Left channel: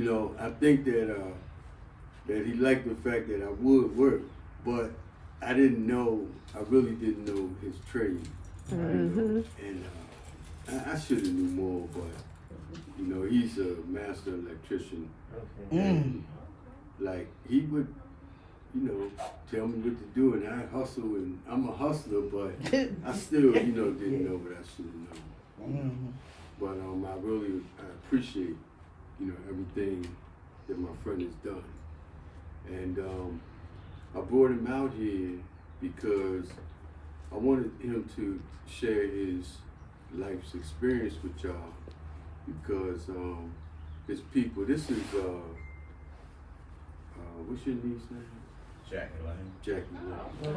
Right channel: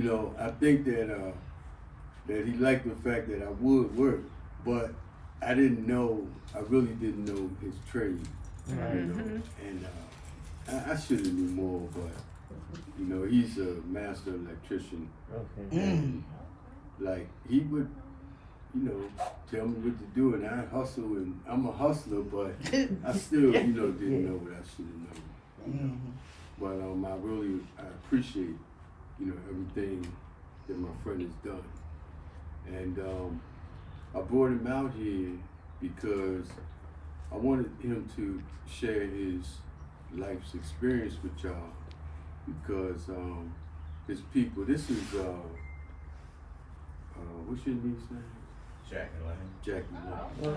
you know, I think that that he liked the fact that I would work, but I didn't know, I really didn't know his trade, you know, and I should have knew more, but you know, he's a master electrician, and like he would, you know, tell me what to do, and I hustle, and I'm a hustler, but I still, you know, didn't know what I should have known. You know? But I appreciate, you know, everything that my friend has done, and I brought him out here because I wanted him to share his life's experience with y'all, because his people. This is what's your niece's name? Jackie Lane. This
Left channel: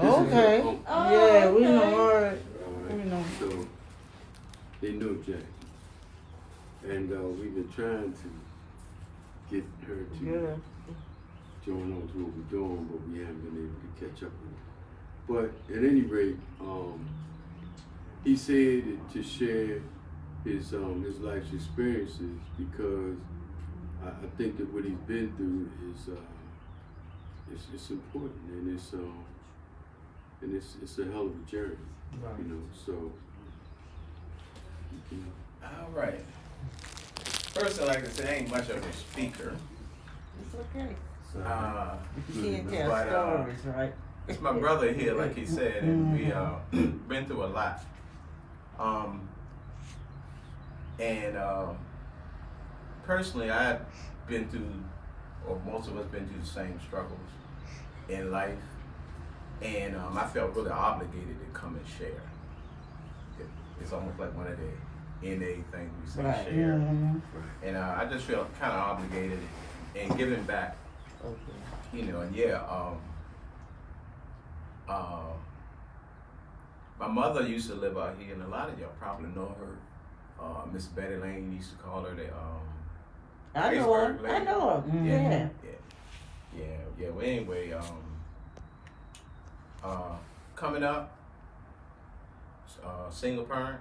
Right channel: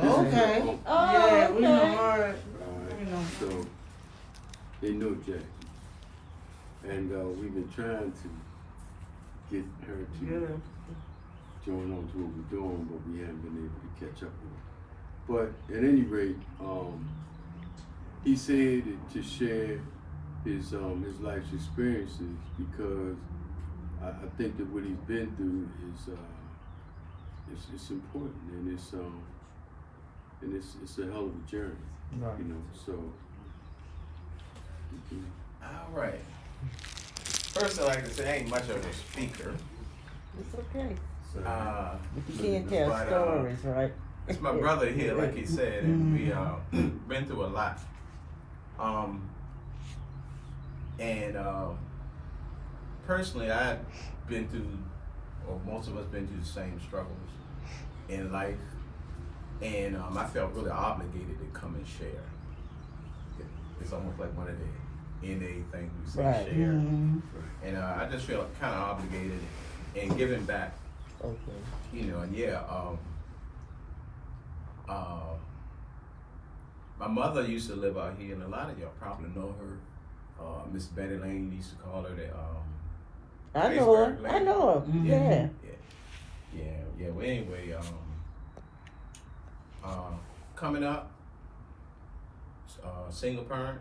is her Okay. uncle. Yeah, we know her. Alright, so they know Jackie, and we've been trying to get her to join on to what we're doing, but we haven't been able to catch up with her. But at any rate, he said to share his life's experiences, because I think that what he's been through is it's important, and it's a hell of a journey, you know. So. All right. First, I like to say I ain't much of a speaker. It's okay. You can't tell stories, right? It's my brother here, like he said, and we been through a lot. Personally, I've been through, or most of us been through the same struggles in life, and I felt really obligated to come and share. It's almost like one of the NA things we say, Right. share, and I just feel kind of obligated and giving back. Okay. You know, and my mother used to live out here, and a lot of y'all probably know her. Miss Betty Lane used to call her the I know her. Pittsburgh lady. I know her. Yeah. Yeah. Yeah. Well, anyway, coming up, single parent.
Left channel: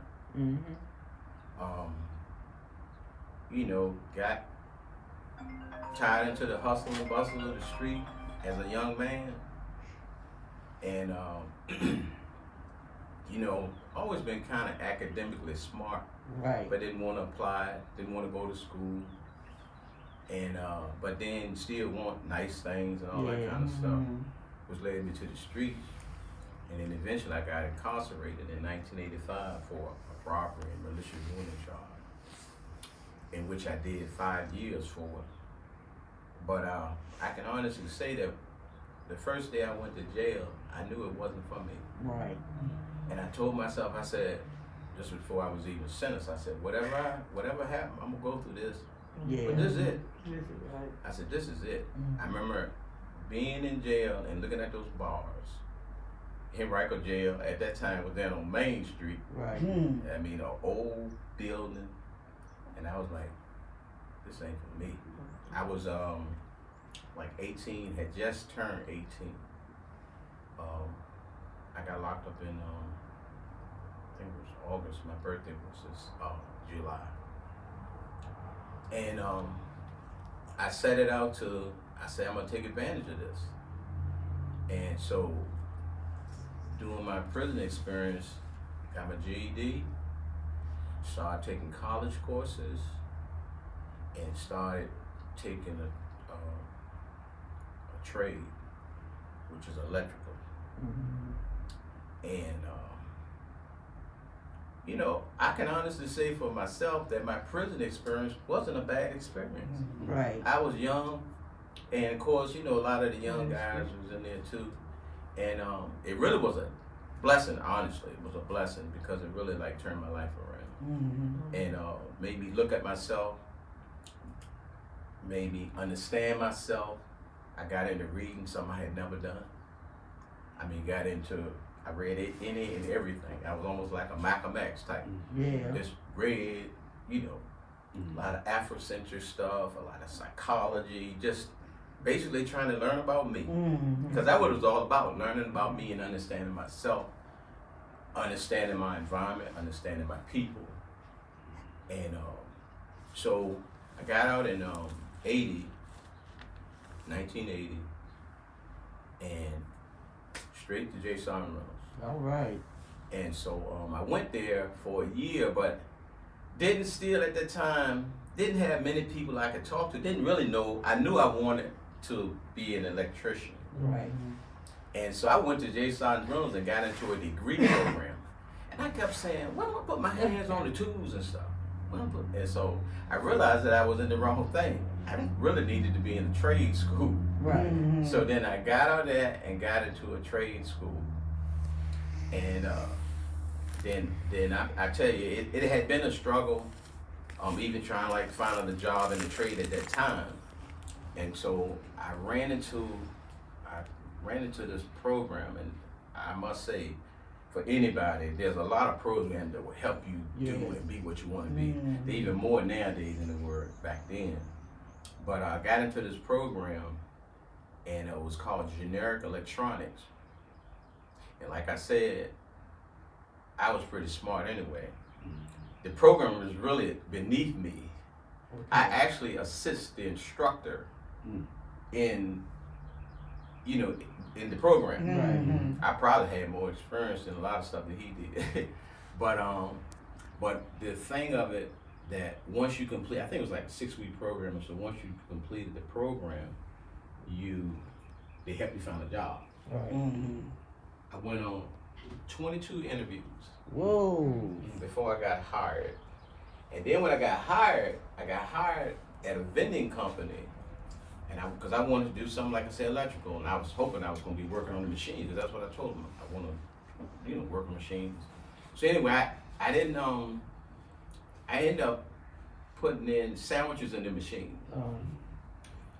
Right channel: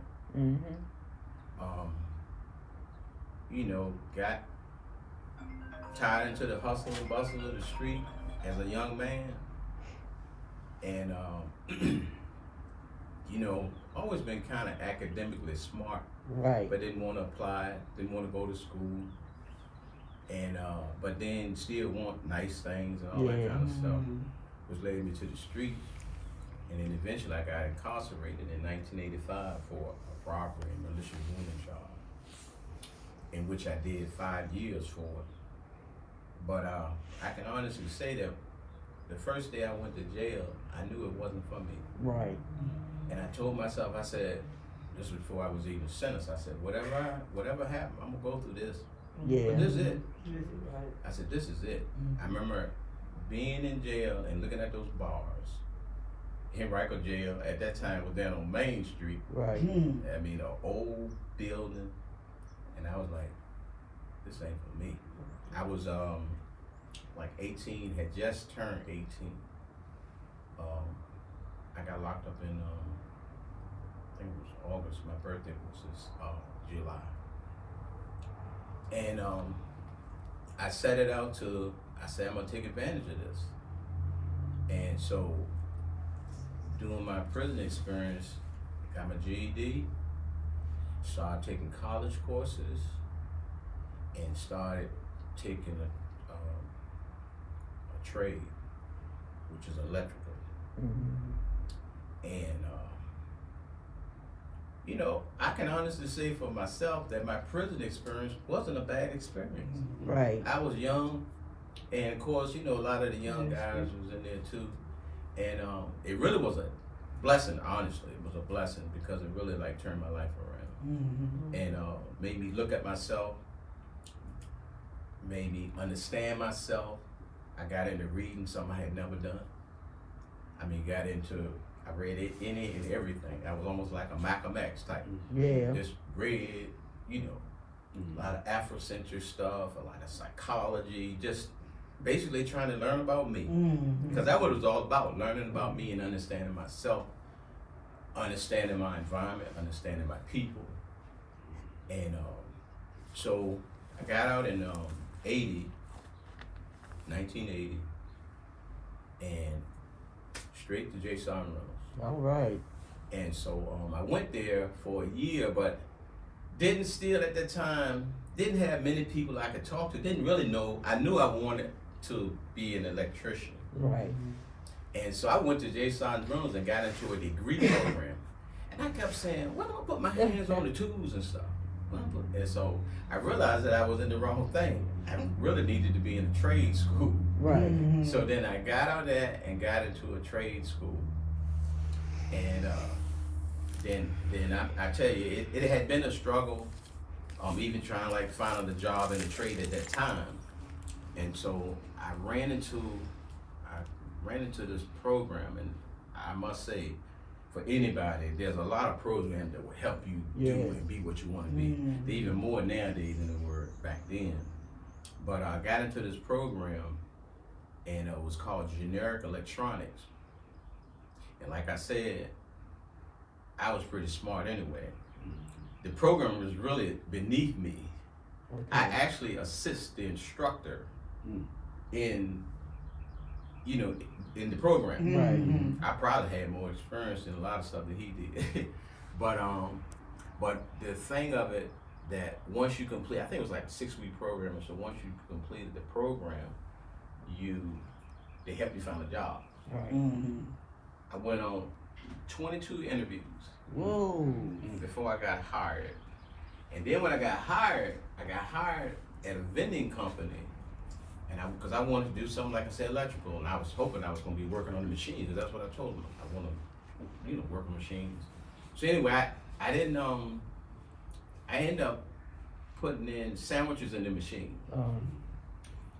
You know, got tied into the hustle and bustle of the street as a young man, and you know, always been kind of academically smart, Right. but didn't want to apply, didn't want to go to school, and but then still want nice things and all that kind of stuff, which led me to the street, and then eventually I got incarcerated in 1985 for a robbery and malicious wounding charge, in which I did 5 years for it. But I can honestly say that the first day I went to jail, I knew it wasn't for me. Right. And I told myself, I said, just before I was even sentenced, I said, whatever happened, I'm gonna go through this. Yeah. But this is it. I said, this is it. I remember being in jail and looking at those bars. Henrico Jail at that time was down on Main Street. Right. I mean, an old building, and I was like, this ain't for me. I was like 18, had just turned 18. I got locked up in, I think it was August. My birthday was this July. And I set it out to, I said, I'm gonna take advantage of this. And so, during my prison experience, got my GED, started taking college courses, and started taking a trade, which is electrical. And you know, I can honestly say for myself that my prison experience wasn't a bad experience. Right. I was young, and of course, you know, a lot of the young guys was in there too. And it really was a blessing, honestly. It was a blessing because it really like turned my life around. And made me look at myself, made me understand myself. I got into reading something I had never done. I mean, I read it, any and everything. I was almost like a Malcolm X type. Yeah. Just read, you know, a lot of Afrocentric stuff, a lot of psychology, just basically trying to learn about me. Because that's what it was all about, learning about me and understanding myself, understanding my environment, understanding my people. And so I got out in 1980, and straight to J. Simon Reynolds. All right. And so I went there for a year, but didn't still at that time, didn't have many people I could talk to, didn't really know. I knew I wanted to be an electrician. Right. And so I went to J. Simon Reynolds and got into a degree program. And I kept saying, when am I put my hands on the tools and stuff? And so I realized that I was in the wrong thing. I really needed to be in a trade school. Right. So then I got out of that and got into a trade school. And then I tell you, it had been a struggle, even trying to like find a job in the trade at that time. And so I ran into this program, and I must say, for anybody, there's a lot of programs that will help you do and be what you want to be. They're even more nowadays than they were back then. But I got into this program, and it was called Generic Electronics. And like I said, I was pretty smart anyway. The program was really beneath me. Okay. I actually assist the instructor in the program. I probably had more experience in a lot of stuff that he did. But the thing of it, that once you complete, I think it was like a 6-week program, so once you completed the program, they help you find a job. Right. I went on 22 interviews. Whoa. Before I got hired. And then when I got hired at a vending company, and because I wanted to do something like I said, electrical, and I was hoping I was going to be working on the machines, because that's what I told them. I want to, work on machines. So anyway, I didn't. I ended up putting in sandwiches in the machine,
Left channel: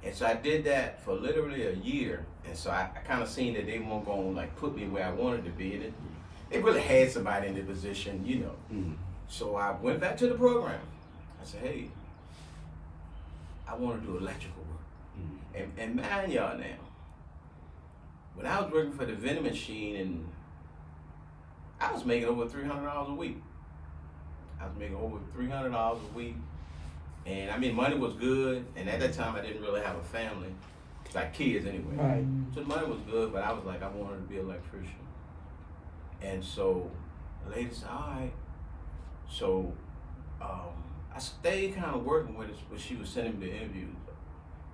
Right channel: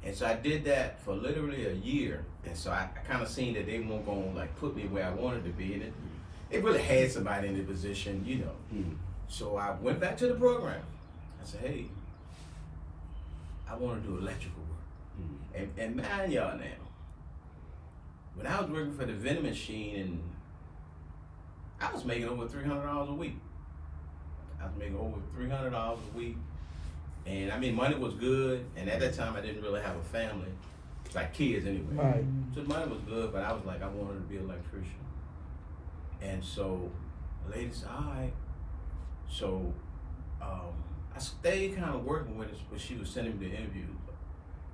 and so I did that for literally a year. And so I kind of seen that they weren't going to like put me where I wanted to be, and it really had somebody in the position, So I went back to the program. I said, hey, I want to do electrical work. And mind y'all now, when I was working for the vending machine, and I was making over $300 a week. I was making over $300 a week. And I mean, money was good. And at that time, I didn't really have a family, like kids anyway. Right. So the money was good, but I was like, I wanted to be an electrician. And so the lady said, all right. So I stayed kind of working with her, but she was sending me the interviews.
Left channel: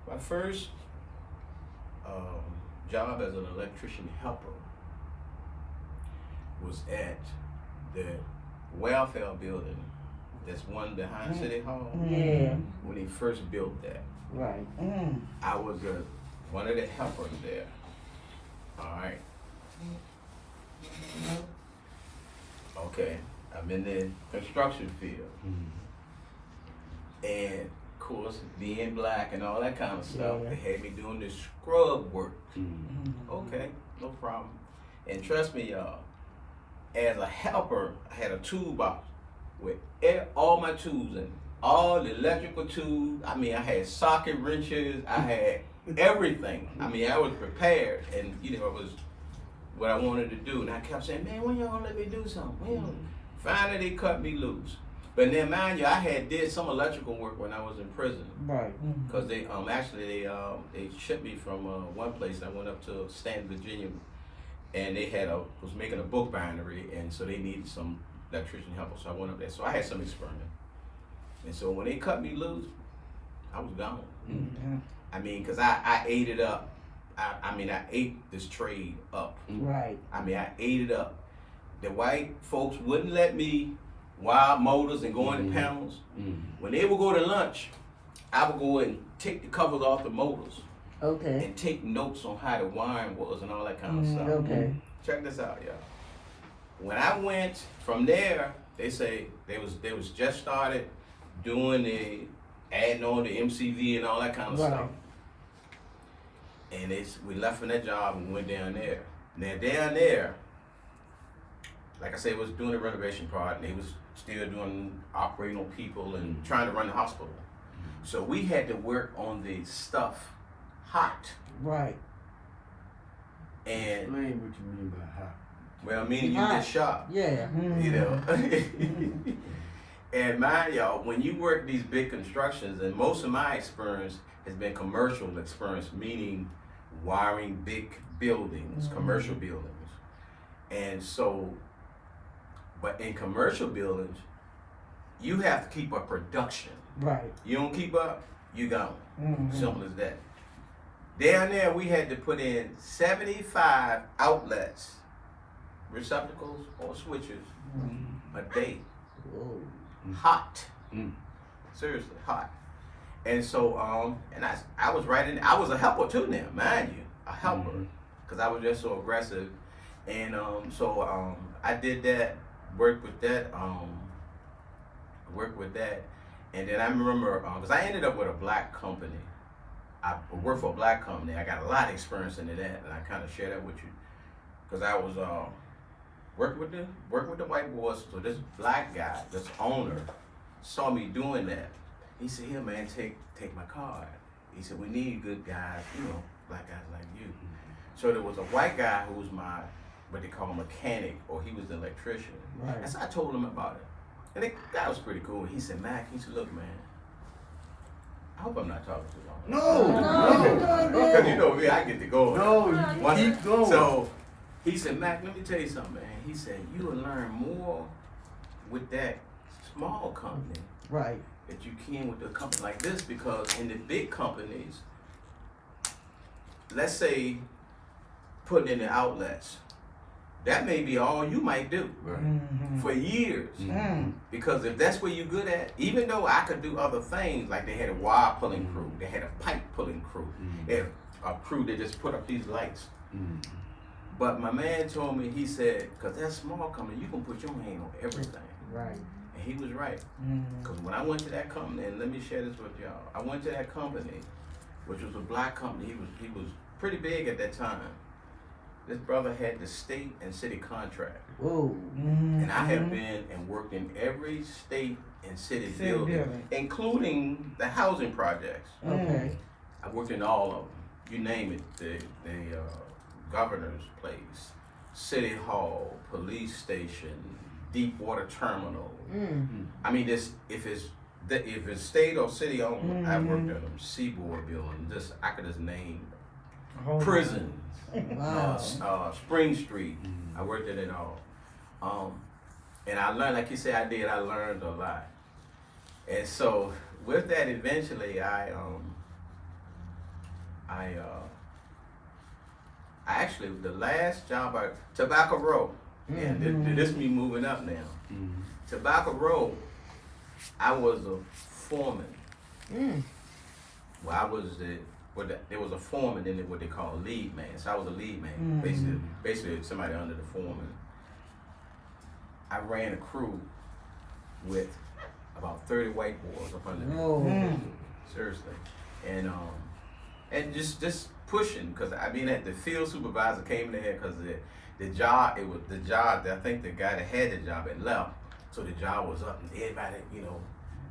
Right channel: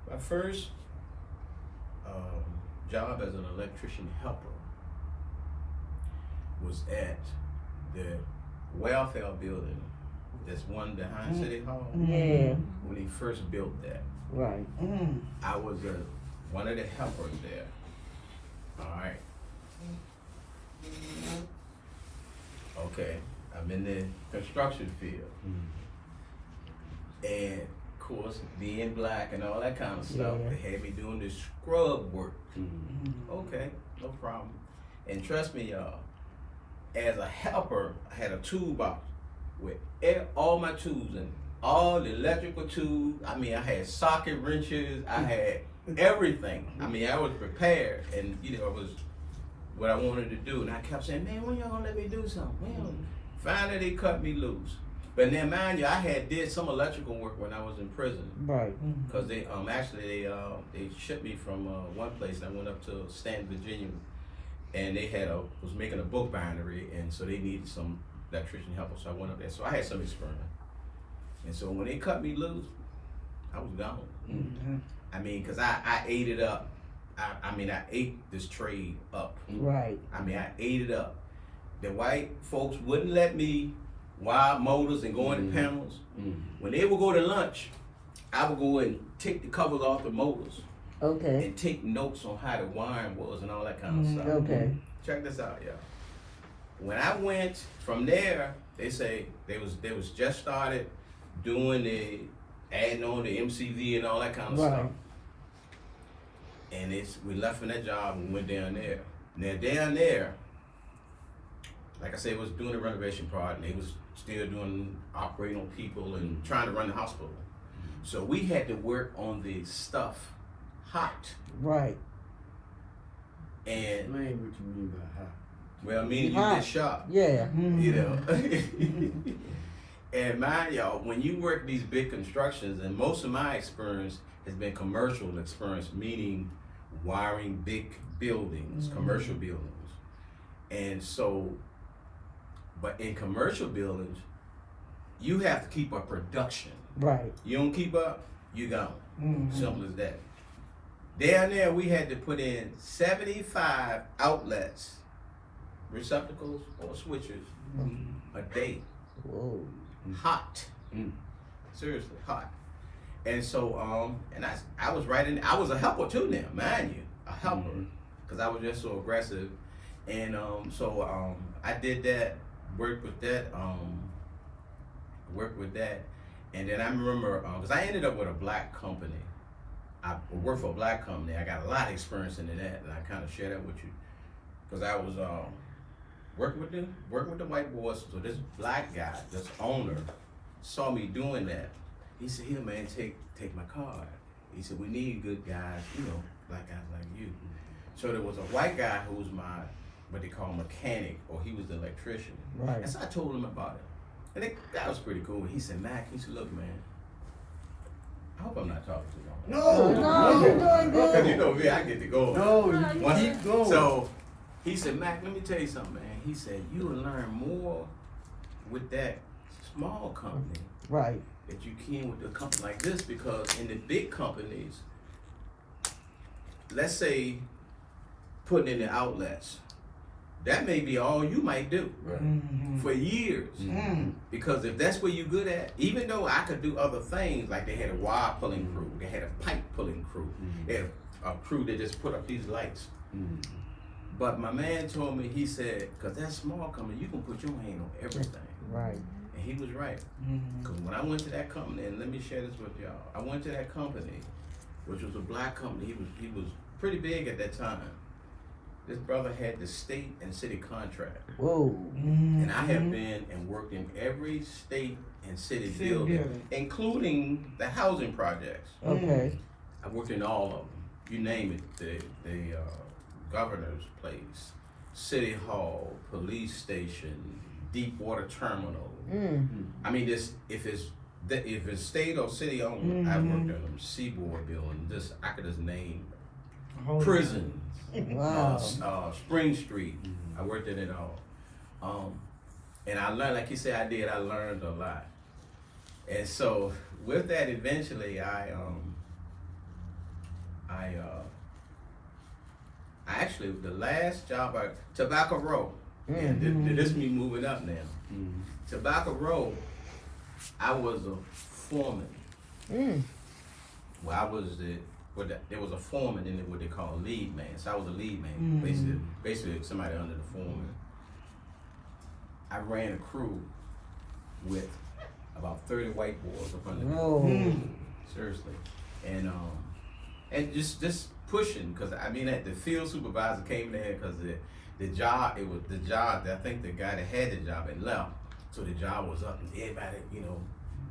My first job as an electrician helper was at the welfare building. That's one behind City Hall. Yeah. When he first built that. Right. I was one of the helpers there. All right. Okay, I'm in the construction field. And of course, being black and all that kind of stuff, they had me doing this scrub work. Okay, no problem. And trust me, y'all, as a helper, I had a toolbox with all my tools in it. All the electrical tools. I mean, I had socket wrenches. I had everything. I mean, I was prepared, and it was what I wanted to do. And I kept saying, man, when y'all gonna let me do something? Well, finally they cut me loose. But then, mind you, I had did some electrical work when I was in prison. Right. Because they they shipped me from one place. I went up to Stanton, Virginia, and they was making a book bindery, and so they needed some electrician help. So I went up there. So I had some experience. And so when they cut me loose, I was gone. I mean, because I ate it up. I ate this trade up. Right. I mean, I ate it up. The white folks wouldn't let me wild motors and go into panels. When they would go to lunch, I would go and take the covers off the motors. Okay. And take notes on how the wiring was and all that kind of stuff. Okay. Check this out, y'all. When I went from there, they say they was just started doing adding on the MCV and all that kind of stuff. And we left from that job and went down there. Now down there, like I said, was doing a renovation project, and they was still operating on people and trying to run the hospital. So we had to work on the stuff hot. Right. And explain what you mean by hot. Well, meaning you get shot. Yeah. And mind y'all, when you work these big constructions, and most of my experience has been commercial experience, meaning wiring big buildings, commercial buildings. And so, but in commercial buildings, you have to keep up production. Right. You don't keep up, you gone. Simple as that. Down there, we had to put in 75 outlets, receptacles or switches a day. Whoa. Hot. Seriously, hot. And so, and I was I was a helper too now, mind you, a helper, because I was just so aggressive. And I did that, worked with that, and then I remember, because I ended up with a black company. I worked for a black company. I got a lot of experience into that, and I kind of share that with you, because I was working with the white boys. So this black guy, this owner, saw me doing that. He said, "Here, man, take my card." He said, "We need good guys, black guys like you." So there was a white guy who was my, what they call mechanic, or he was the electrician. Right. And so I told him about it. And the guy was pretty cool. He said, "Mac," he said, "Look, man, I hope I'm not talking too long." No. Because you know me, I get to go. No, you keep going. So he said, "Mac, let me tell you something, man." He said, "You will learn more with that small company Right. that you can with a company like this, because in the big companies, let's say putting in the outlets, that may be all you might do for years. Because if that's what you're good at, even though I could do other things, like they had a wire pulling crew, they had a pipe pulling crew, they had a crew that just put up these lights. But my man told me, he said, because that small company, you can put your hand on everything. Right. And he was right. Because when I went to that company, and let me share this with y'all, I went to that company, which was a black company. He was pretty big at that time. This brother had the state and city contract. Whoa. And I have been and worked in every state and city building, including the housing projects. Okay. I worked in all of them. You name it, the governor's place, city hall, police station, deep water terminal. I mean, if it's state or city owned, I worked in them. Seaboard building, I could just name prisons. Wow. Spring Street. I worked at it all. And I learned, like you said, I learned a lot. And so with that, eventually I actually, the last job, Tobacco Row, and this me moving up now. Tobacco Row, I was a foreman. Well, I was there was a foreman, then what they call a lead man. So I was a lead man, basically somebody under the foreman. I ran a crew with about 30 white boys up under me. Seriously. And just pushing, because I mean, the field supervisor came in there because the job, I think the guy that had the job had left. So the job was up and everybody,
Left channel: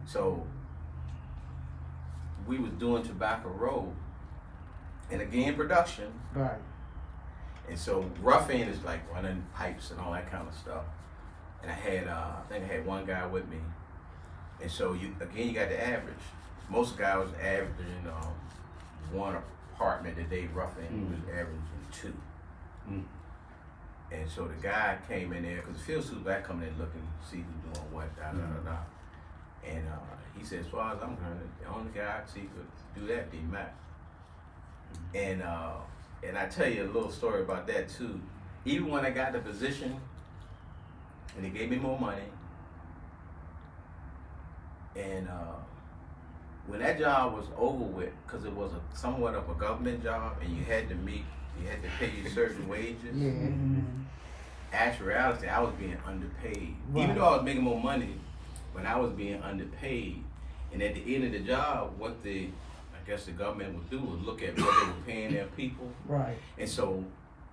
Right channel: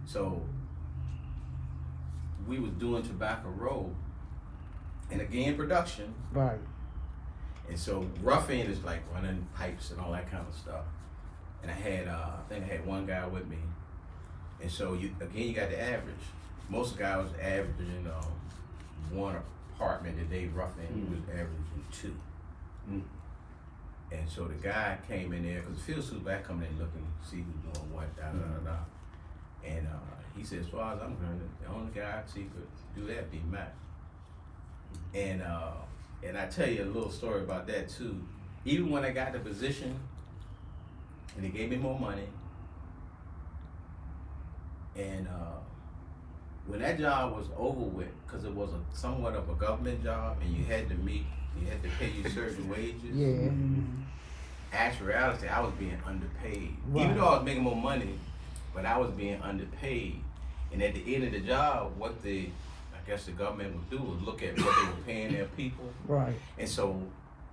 so we was doing Tobacco Row, and again, production. Right. And so rough end is like running pipes and all that kind of stuff. And I think I had one guy with me. And so you got the average. Most guys averaging one apartment a day, rough end was averaging 2. And so the guy came in there, because the field supervisor coming in looking, see who's doing what, And he said, as far as I'm concerned, the only guy I see could do that be Matt. And I tell you a little story about that too. Even when I got the position, and they gave me more money, and when that job was over with, because it was somewhat of a government job, and you had to pay you certain wages. Actuality, I was being underpaid. Wow. Even though I was making more money, but I was being underpaid. And at the end of the job, what I guess the government would do was look at what they were paying their people. Right. And so,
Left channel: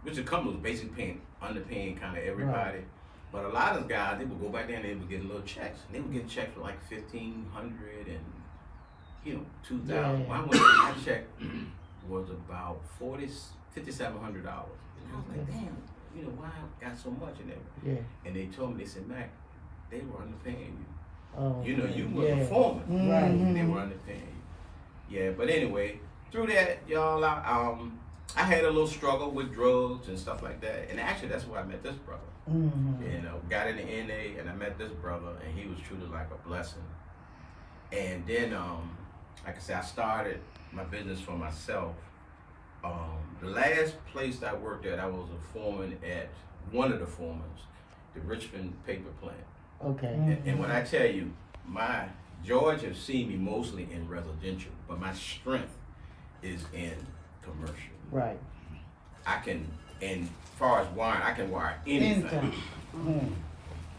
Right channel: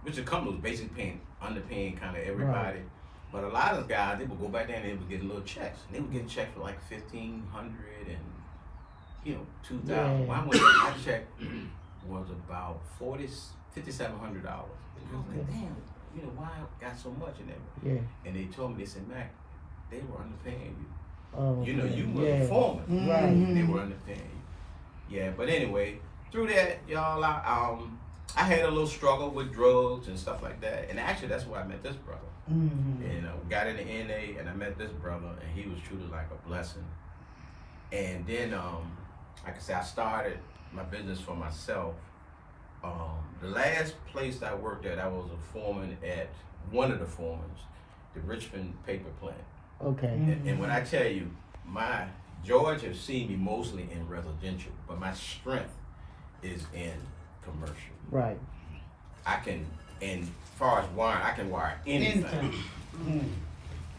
which the company was basically underpaying kind of everybody. Right. But a lot of guys, they would go back there and they would get little checks. And they would get checks for like $1,500 and $2,000. My check was about $5,700. And I was like, damn, why I got so much in there? And they told me, they said, Mac, they were underpaying you. Oh, You know, you was yeah. a foreman. Right. And they were underpaying you. Yeah, but anyway, through that, y'all, I had a little struggle with drugs and stuff like that. And actually, that's where I met this brother. And got in the NA, and I met this brother, and he was truly like a blessing. And then, like I said, I started my business for myself. The last place I worked at, I was a foreman at one of the foremans, the Richmond paper plant. Okay. And when I tell you, George has seen me mostly in residential, but my strength is in commercial. Right. I can, and as far as wiring, I can wire anything.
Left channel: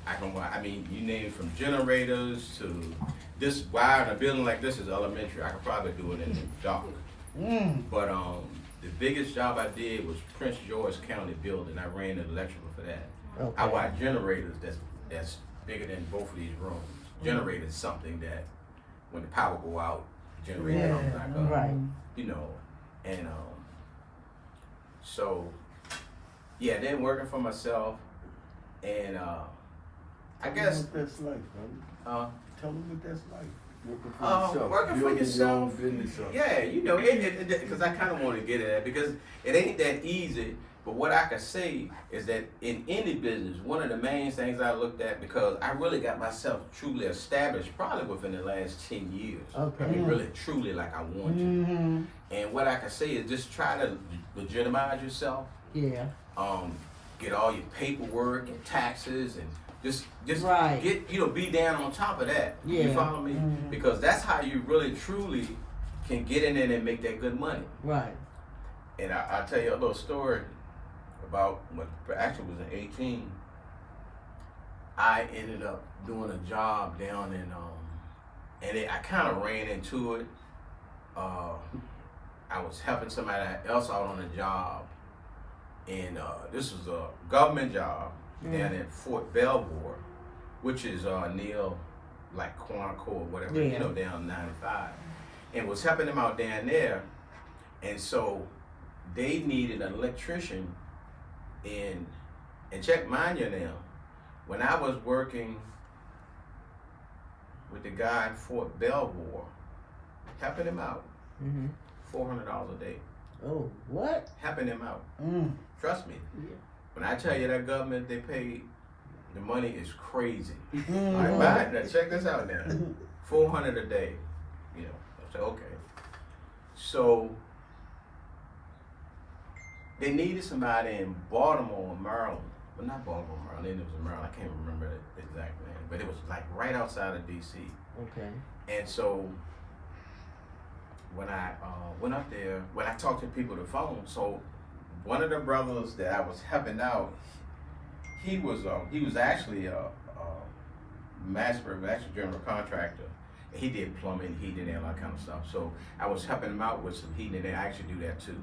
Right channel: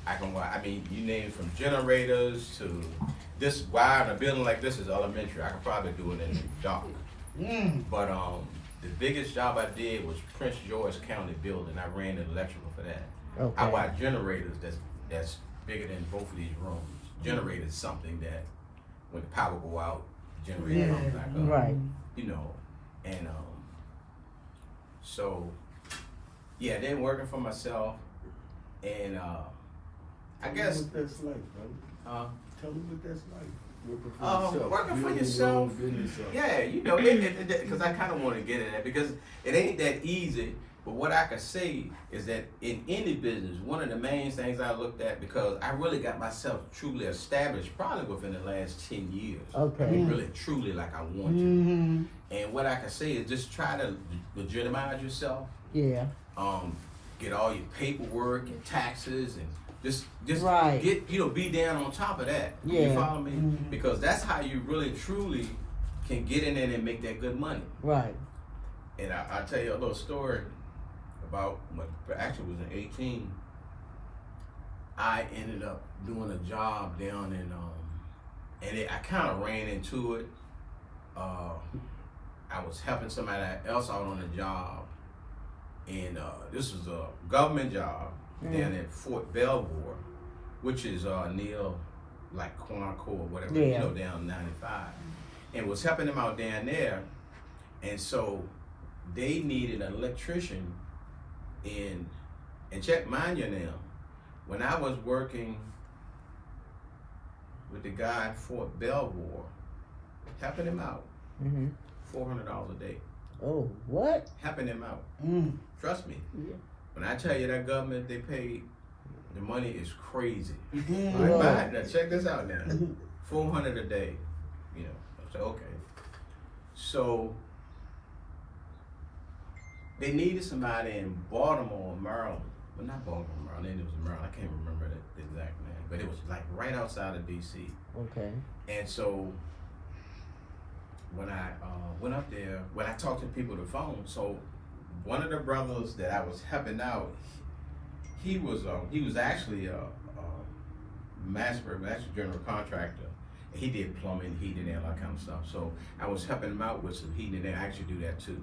I can wire, I mean, you name it, from generators to this wire in a building like this is elementary. I could probably do it in the dark. But the biggest job I did was Prince George County building. I ran the electrical for that. Okay. I wired generators that's bigger than both of these rooms. Generators something that when the power go out, generator comes back up. Right. You know, and so yeah, then working for myself, and I guess what that's like, bro. Tell me what that's like. Working for yourself. Working for Building your yourself. own business up. Yeah, you know, because I kind of want to get at that because it ain't that easy. But what I can say is that in any business, one of the main things I looked at, because I really got myself truly established probably within the last 10 years. Okay. I mean, really, truly like I want to. And what I can say is just try to legitimize yourself. Yeah. Get all your paperwork and taxes and just Right. get, you know, be down on top of that. Yeah. You follow me? Because that's how you really truly can get in there and make that good money. Right. And I'll tell you a little story about when actually was in 18. I ended up doing a job down in and I kind of ran into it. I was helping somebody else out on a job, and this was a government job down at Fort Belvoir, which is near like Quantico or whatever, you know, down 95, and was helping them out down there, and so they needed an electrician. And check, mind you now, when I was working with the guy at Fort Belvoir, helping him out, $400 a day. Oh, what? Helping him out. Trust me. Yeah. When I tell you that government, they pay, the money is crazy. Mm-hmm. All right, bye. Now check this out now. $400 a day. You know, I said, okay. So, they needed somebody in Baltimore, Maryland. Well, not Baltimore, Maryland. It was in Maryland. I can't remember the exact name. But it was like right outside of D.C. Okay. And so when I went up there, when I talked to people on the phone, so one of the brothers that I was helping out, he was actually a master general contractor. He did plumbing, heating, and all that kind of stuff. So I was helping him out with some heating, and they actually do that too.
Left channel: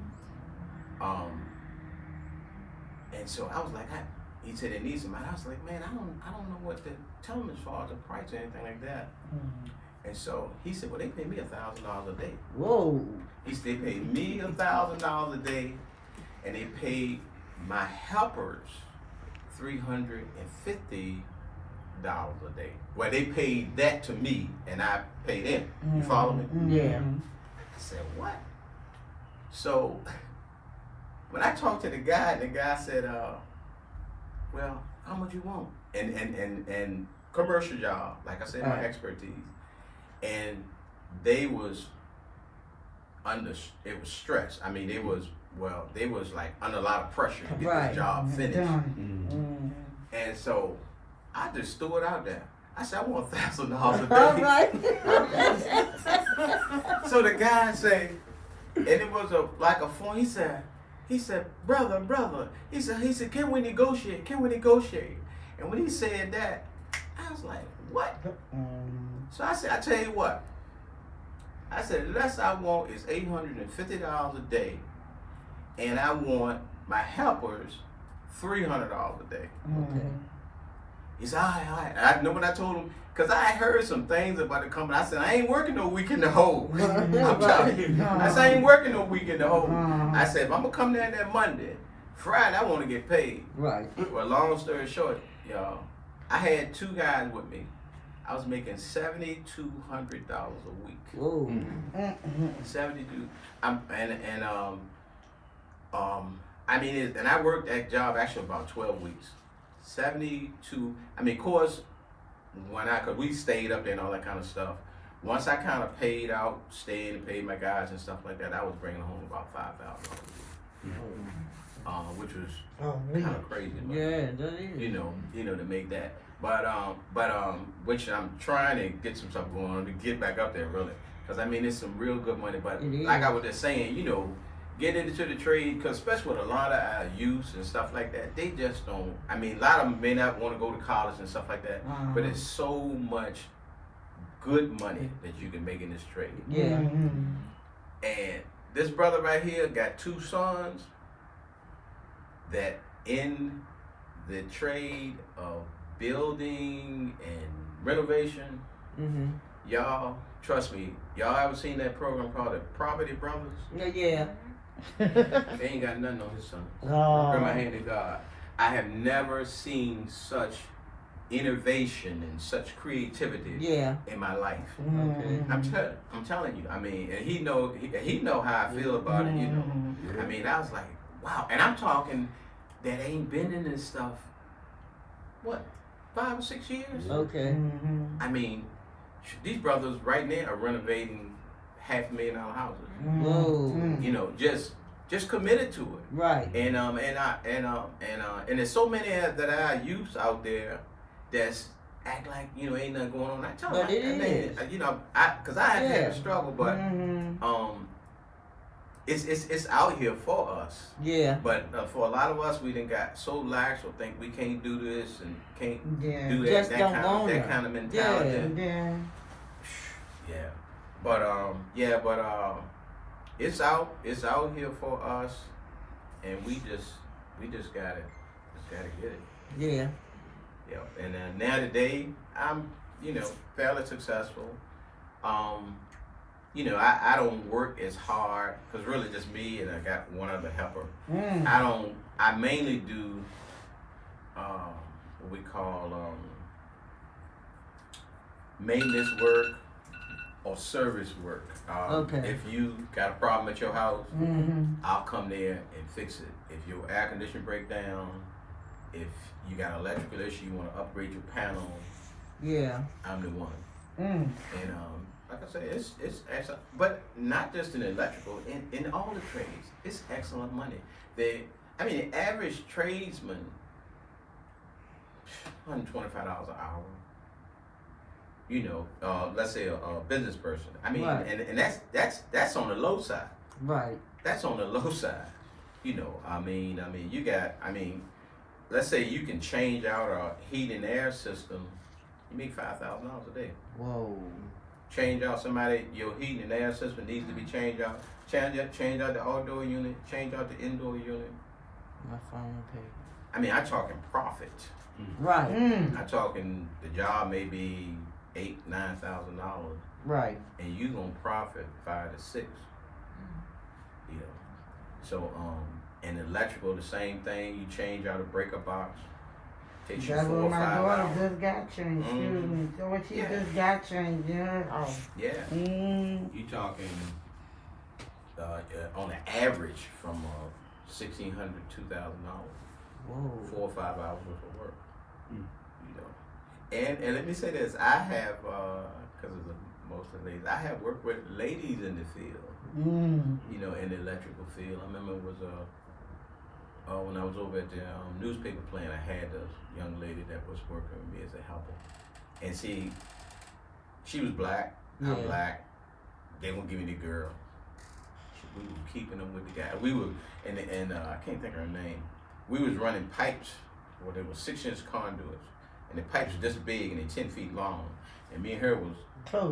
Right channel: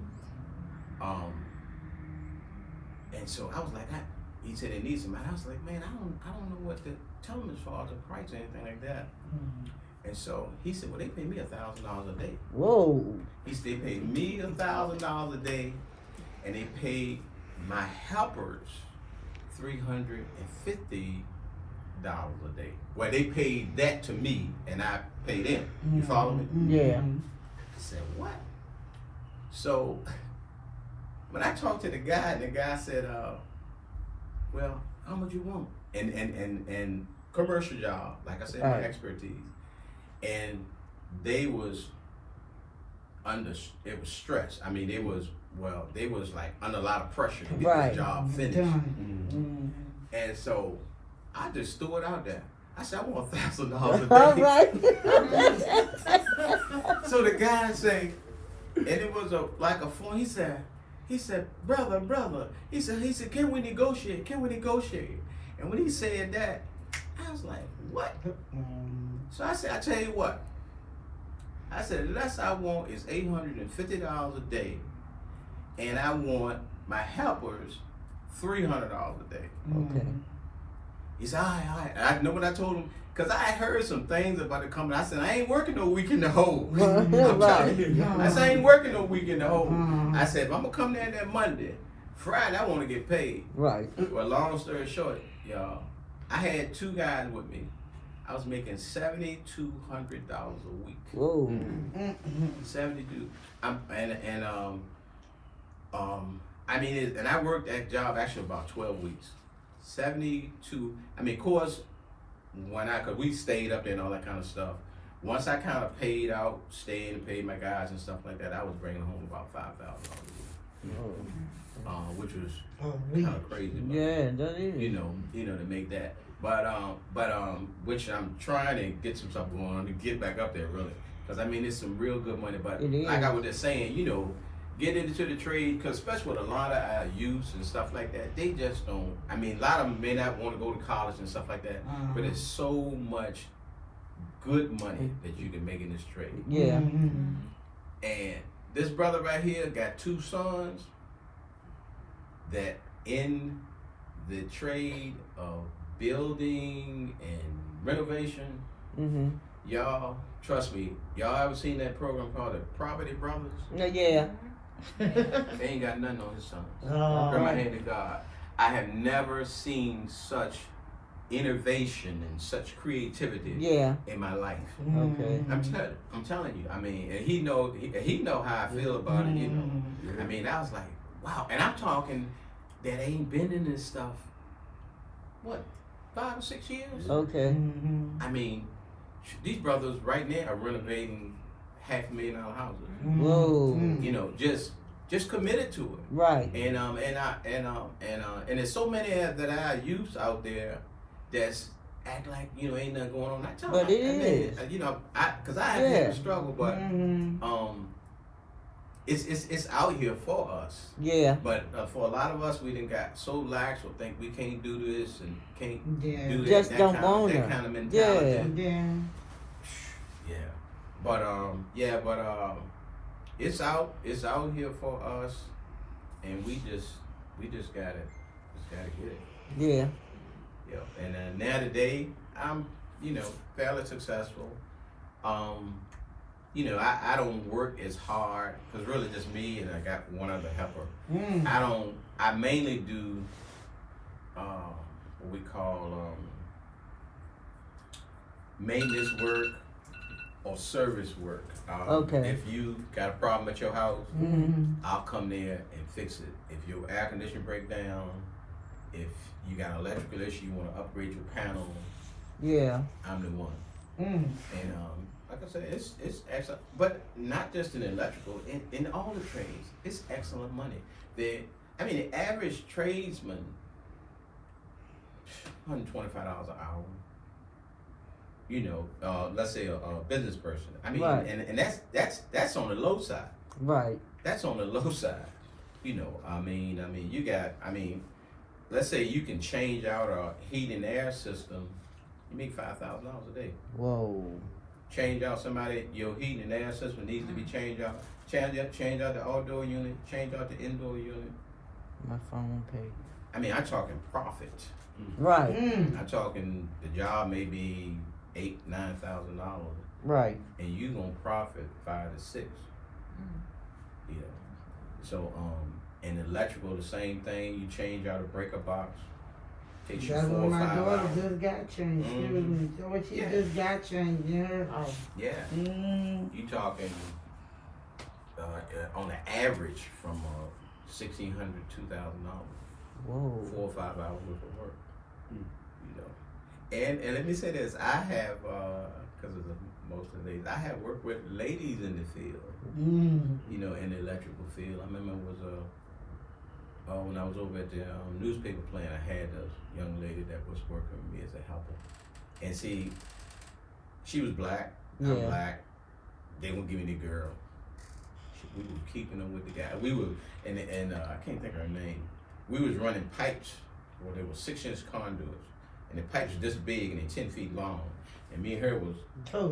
And so I was like, he said they need somebody. I was like, man, I don't know what to tell them as far as the price or anything like that. And so he said, well, they pay me $1,000 a day. Whoa. He said they paid me $1,000 a day, and they paid my helpers $350 a day. Well, they paid that to me, and I paid them. You follow me? Yeah. I said, what? So when I talked to the guy, and the guy said, well, how much you want? And commercial job, like I said, my expertise. And they was it was stress. I mean, they was like under a lot of pressure to get the job finished. And so I just threw it out there. I said, I want $1,000 a day. All right. So the guy said, and it was like a phone. He said, brother. He said, can we negotiate? Can we negotiate? And when he said that, I was like, what? So I said, I tell you what. I said, the less I want is $850 a day, and I want my helpers $300 a day. Okay. He said, all right. I know what I told him, because I had heard some things about the company. I said, I ain't working no weekend to hold. I'm telling you. I said, I ain't working no weekend to hold. I said, if I'm going to come there that Monday, Friday, I want to get paid. Right. Well, long story short, y'all, I had two guys with me, I was making $7,200 a week. Whoa. 72. I mean, and I worked that job actually about 12 weeks. 72. I mean, of course, cause we stayed up there and all that kind of stuff. Once I kind of paid out, staying and paid my guys and stuff like that, I was bringing home about $5,000 a week. Which was kind of crazy. But, Yeah, that is. you know, to make that. But which I'm trying to get some stuff going on to get back up there really. Cause I mean, it's some real good money. But like I was just saying, you know, get into the trade, cause especially with a lot of our youth and stuff like that, they just don't. I mean, a lot of them may not want to go to college and stuff like that, but it's so much good money that you can make in this trade. Yeah. And this brother right here got 2 sons that in the trade of building and renovation. Y'all, trust me, y'all ever seen that program called the Property Brothers? Yeah. They ain't got nothing on his sons. Oh. From my hand to God. I have never seen such innovation and such creativity in my life. Okay. I'm telling you. I mean, and he know how I feel about it. You know. I mean, I was like, wow. And I'm talking that ain't been in this stuff. What, 5 or 6 years? Okay. I mean, these brothers right now are renovating $500,000 houses. Whoa. You know, just committed to it. Right. And there's so many that I use out there that's act like, you know, ain't nothing going on. I tell them, But it is. you know, cause I have had a struggle, but it's out here for us. Yeah. But for a lot of us, we done got so lax or think we can't do this and can't do that. Just that don't kind want of, it. that kind of mentality. Yeah. But it's out here for us, and we just gotta get it. Yeah. Yeah. And now today, I'm, you know, fairly successful. You know, I don't work as hard, cause really just me and I got one other helper. I mainly do what we call maintenance work or service work. Okay. If you got a problem at your house, I'll come there and fix it. If your air conditioner break down, if you got an electrical issue, you want to upgrade your panel, I'm the one. And like I said, it's excellent, but not just in electrical, in all the trades, it's excellent money. The average tradesman, $125 an hour. You know, let's say a business person. I mean, right. and that's on the low side. Right. That's on the low side. You know, you got, let's say you can change out a heat and air system, you make $5,000 a day. Whoa. Change out your heat and air system needs to be changed out. Change out the outdoor unit, change out the indoor unit. My phone paid. I'm talking profit. Right. I'm talking the job may be $8,000-$9,000. Right. And you gonna profit 5 to 6. You know. So and electrical the same thing. You change out a breaker box. Takes you 4 or 5 hours. Just got changed. Excuse me. So what she just got changed, Yeah. You talking on an average from $1,600 to $2,000. Whoa. 4 or 5 hours worth of work. You know. And let me say this, I have because of most of the ladies, I have worked with ladies in the field. You know, in the electrical field. I remember it was when I was over at the newspaper plant, I had a young lady that was working with me as a helper. And she was black, I'm black, they won't give me the girl. We were keeping them with the guy. We were, and I can't think of her name. We was running pipes where there were 6-inch conduits. And the pipes were this big and they're 10 feet long. And me and her was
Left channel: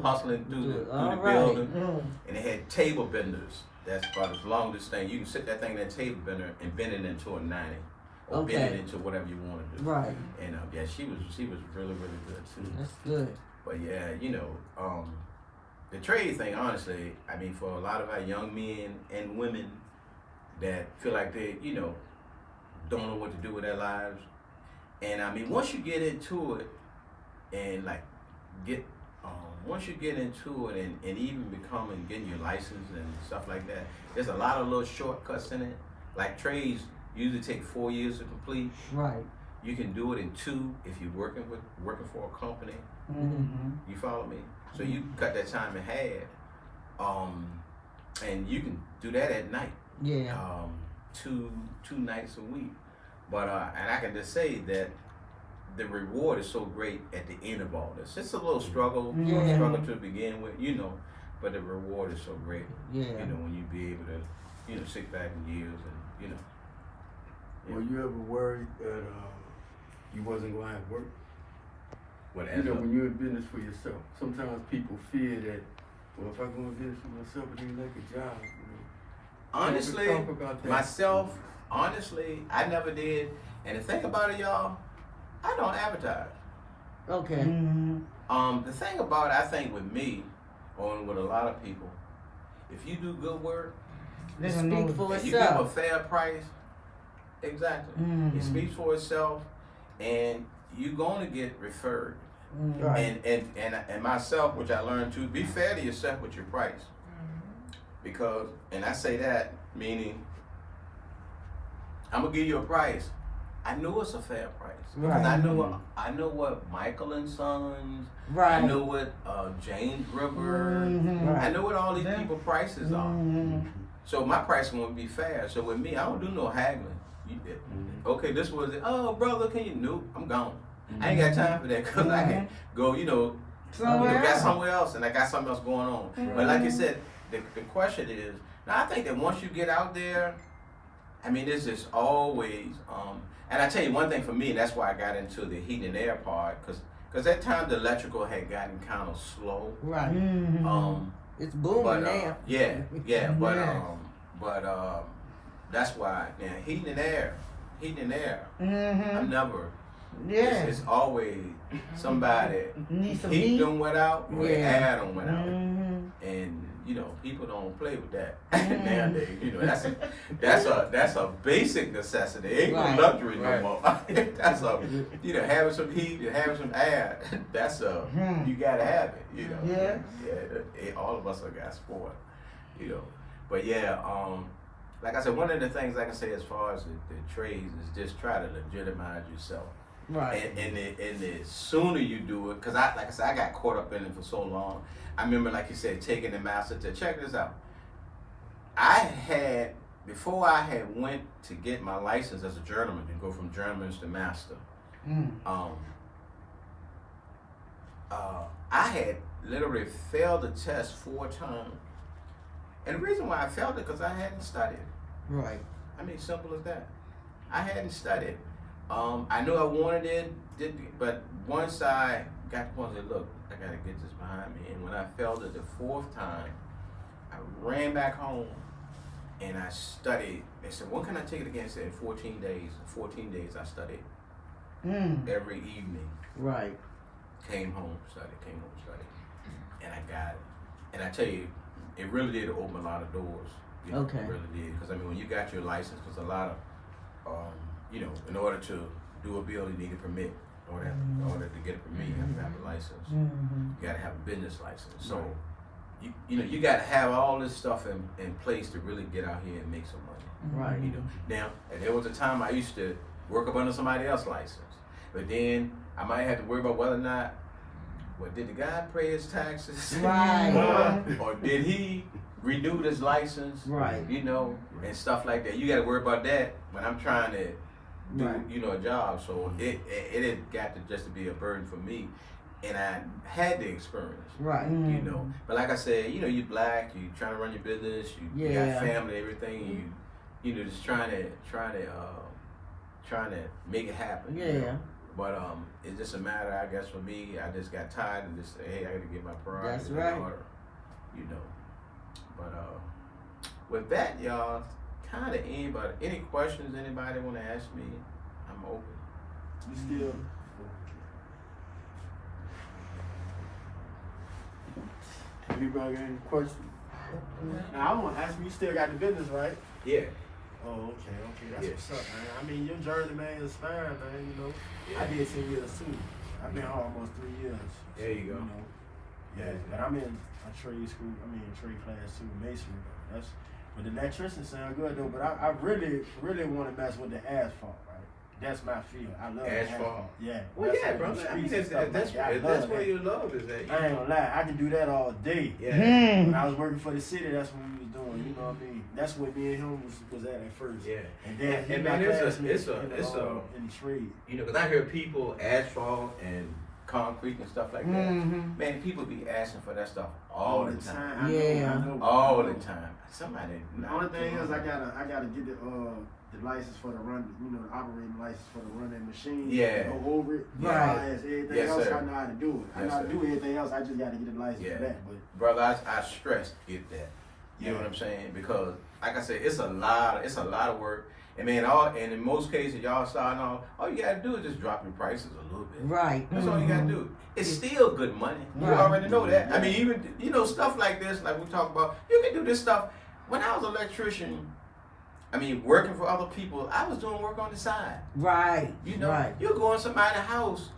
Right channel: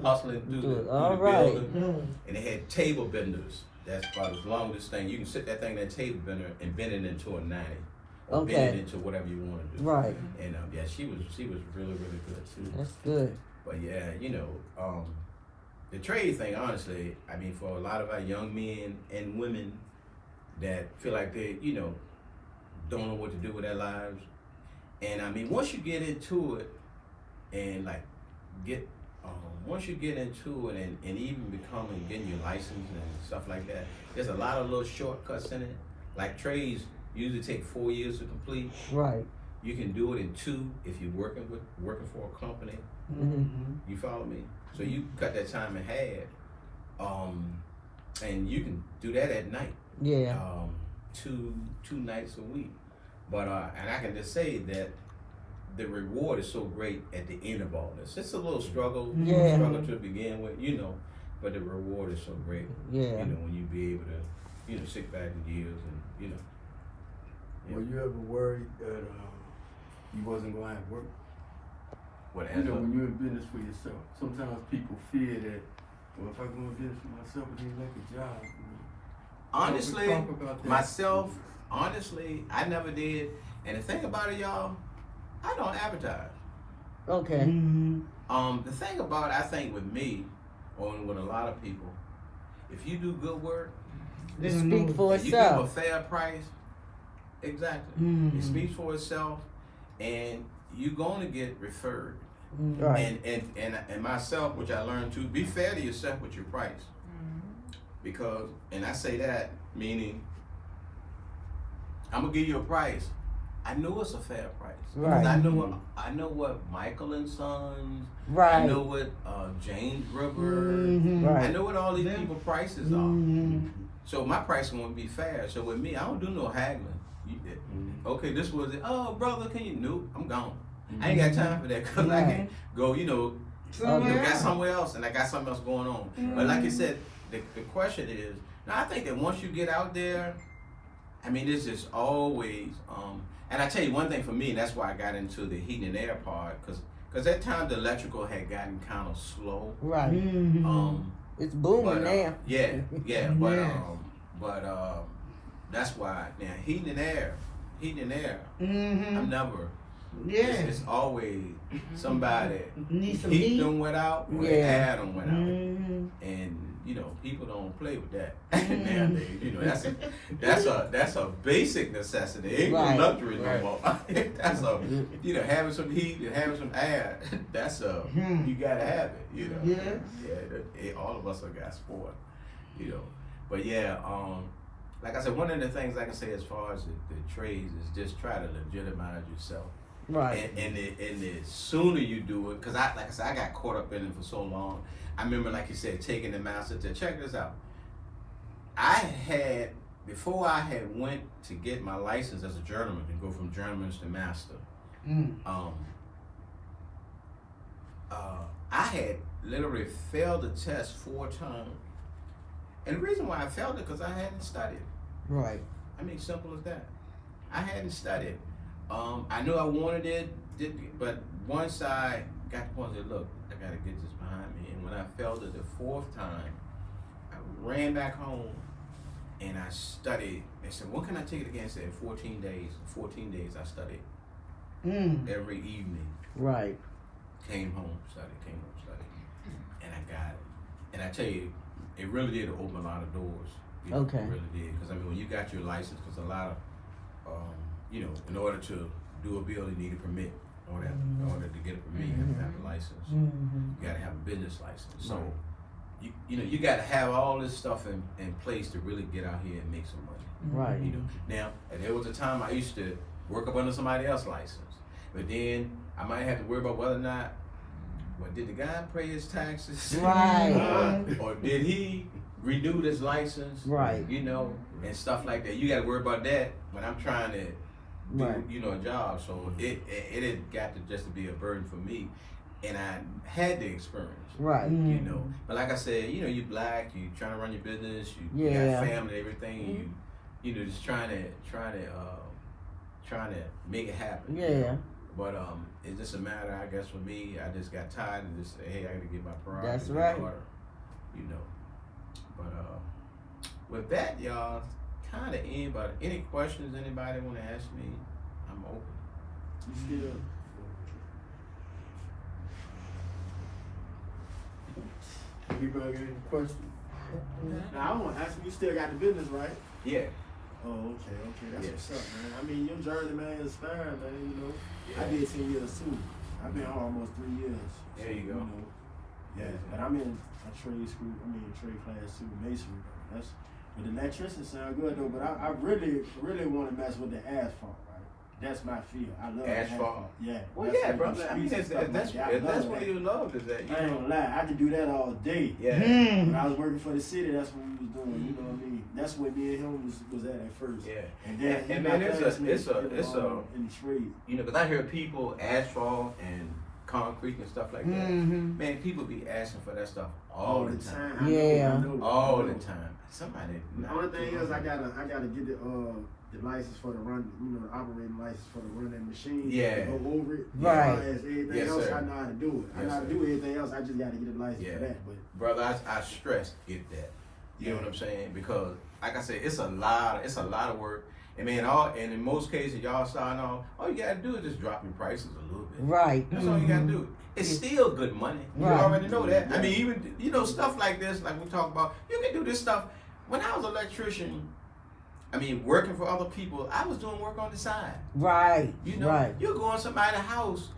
hustling through the building. And they had table benders. That's about as long as this thing. You can sit that thing in that table bender and bend it into a 90. Or bend it into whatever you want to do. Right. And she was really, really good too. That's good. But yeah, you know, the trade thing, honestly, for a lot of our young men and women that feel like they, you know, don't know what to do with their lives. And once you get into it and like get once you get into it and even becoming getting your license and stuff like that, there's a lot of little shortcuts in it. Like trades usually take 4 years to complete. Right. You can do it in 2 if you're working for a company. Mm-hmm. You follow me? So you cut that time in half, and you can do that at night. Yeah. 2 nights a week. But and I can just say that the reward is so great at the end of all this. It's a little struggle, Yeah. struggle to begin with, you know, but the reward is so great. Yeah. You know, when you be able to, you know, sit back in years and, you know. Yeah. Were you ever worried that you wasn't going to have work? What You know, when you're in business for yourself, sometimes people fear that, well, if I go in business for myself, I need like a job, you know. honestly, Talk about that. myself, honestly, I never did. And the thing about it, y'all, I don't advertise. Okay. Mm-hmm. The thing about it, I think with me, or with a lot of people, if you do good work, Speak for and you give a itself. fair price, exactly. Mhm. It speaks for itself, and you're going to get referred. Right. And myself, which I learned to be fair to yourself with your price, because, and I say that meaning, I'm gonna give you a price. I know it's a fair price because Right. I know what Michael and Sons. Right. I know what James River. Mhm. Right. I know what all these Yeah. people prices are. Mhm. So my pricing won't be fair. So with me, I don't do no haggling. Okay, this was it. Oh, brother, can you? Nope, I'm gone. I ain't got time for that because I can go, you know, Somewhere got else. somewhere else, and I got something else going on. But like you said, the question is, now I think that once you get out there, I mean, it's just always, and I tell you one thing for me, and that's why I got into the heating and air part, because that time the electrical had gotten kind of slow. Right. Mhm. It's booming But now. yeah, but Yes. that's why now heating and air, Mhm. I'm never. Yeah. It's always somebody Need some heat heat. done went out or the Yeah. air done went out. Mhm. And you know, people don't play with that Mm. nowadays. You know, that's a basic necessity. It ain't Right. no luxury no Right. more. That's a, you know, having some heat and having some air. That's a, Hmm. you gotta have it. You know. Yes. Yeah. All of us are got sport. You know, but yeah. Like I said, one of the things I can say as far as the trades is just try to legitimize yourself. Right. And the sooner you do it, because like I said, I got caught up in it for so long. I remember, like you said, taking the master test. Check this out. Before I had went to get my license as a journeyman, to go from journeyman to master, Mm. I had literally failed the test 4 times. And the reason why I failed it, because I hadn't studied. Right. I mean, simple as that. I hadn't studied. I knew I wanted it, but once I got to the point and said, look, I gotta get this behind me. And when I failed it the 4th time, I ran back home and I studied. They said, when can I take it again? I said, in 14 days. 14 days I studied Mm. every evening. Right. Came home, studied, and I got it. And I tell you, it really did open a lot of doors. You know, Okay. It really did. Because I mean, when you got your license, because a lot of, you know, in order to do a bill, you need a permit. In order to get a permit, you have to have a license. Mhm. You got to have a business license. So, you know, you got to have all this stuff in place to really get out here and make some money. Right. You know, now, and there was a time I used to work up under somebody else's license, but then I might have to worry about whether or not, did the guy pay his taxes? Right. or did he renew his license? Right. You know, and stuff like that. You got to worry about that when I'm trying to do, Right. you know, a job. So it had got to just to be a burden for me, and I had the experience. Right. You know, but like I said, you know, you're black, you trying to run your business, you Yeah. got family, everything, and you know, just trying to make it happen. Yeah. You know? But it's just a matter, I guess, for me. I just got tired and just say, hey, I got to get my priorities in right. order. You know, but with that, y'all, kind of end. But any questions anybody want to ask me, I'm open. You still? People got any questions? Now I want to ask you, you still got the business, right? Yeah. Oh, okay, that's Yeah. what's up, man. I mean, your journey, man, is fine, man. You know, I Yeah. did 10 years too. I've been home almost 3 years. There you go. know, yeah, but I'm in a trade school. I'm in trade class too, masonry. But the electrician sound good though. But I really want to mess with the asphalt, right? That's my field. I love Asphalt. Yeah. Well, that's yeah, like brother. the I mean, streets and stuff that's like that. I that's love what that. you love is that. You I ain't gonna lie, I can do that all day. Yeah. When I was working for the city, that's what we was doing. You know what I mean? That's what me and him was at first. Yeah. And then And my man, it's classmate a in the trade. you know, because I hear people asphalt and concrete and stuff like that. Mhm. Man, people be asking for that stuff all the time. I know, Yeah. I know. All the time. Somebody. The only thing is, I gotta get the license for the run, the operating license for the running machine. Yeah. Go over it. Right. As everything Yes, else, sir. I know how to do it. I Yes, know how to sir. do everything else. I just gotta get the license Yeah. for that. But Brother, I stress get that. You know what I'm saying? Because like I said, it's a lot of work. And man, and in most cases, y'all starting off, all you gotta do is just drop your prices a little bit. Right. That's all you gotta do. It's still good money. You Right. already know that. I mean, even stuff like this, like we talk about, you can do this stuff. When I was an electrician, working for other people, I was doing work on the side. Right. You know, Right. you go in somebody's house.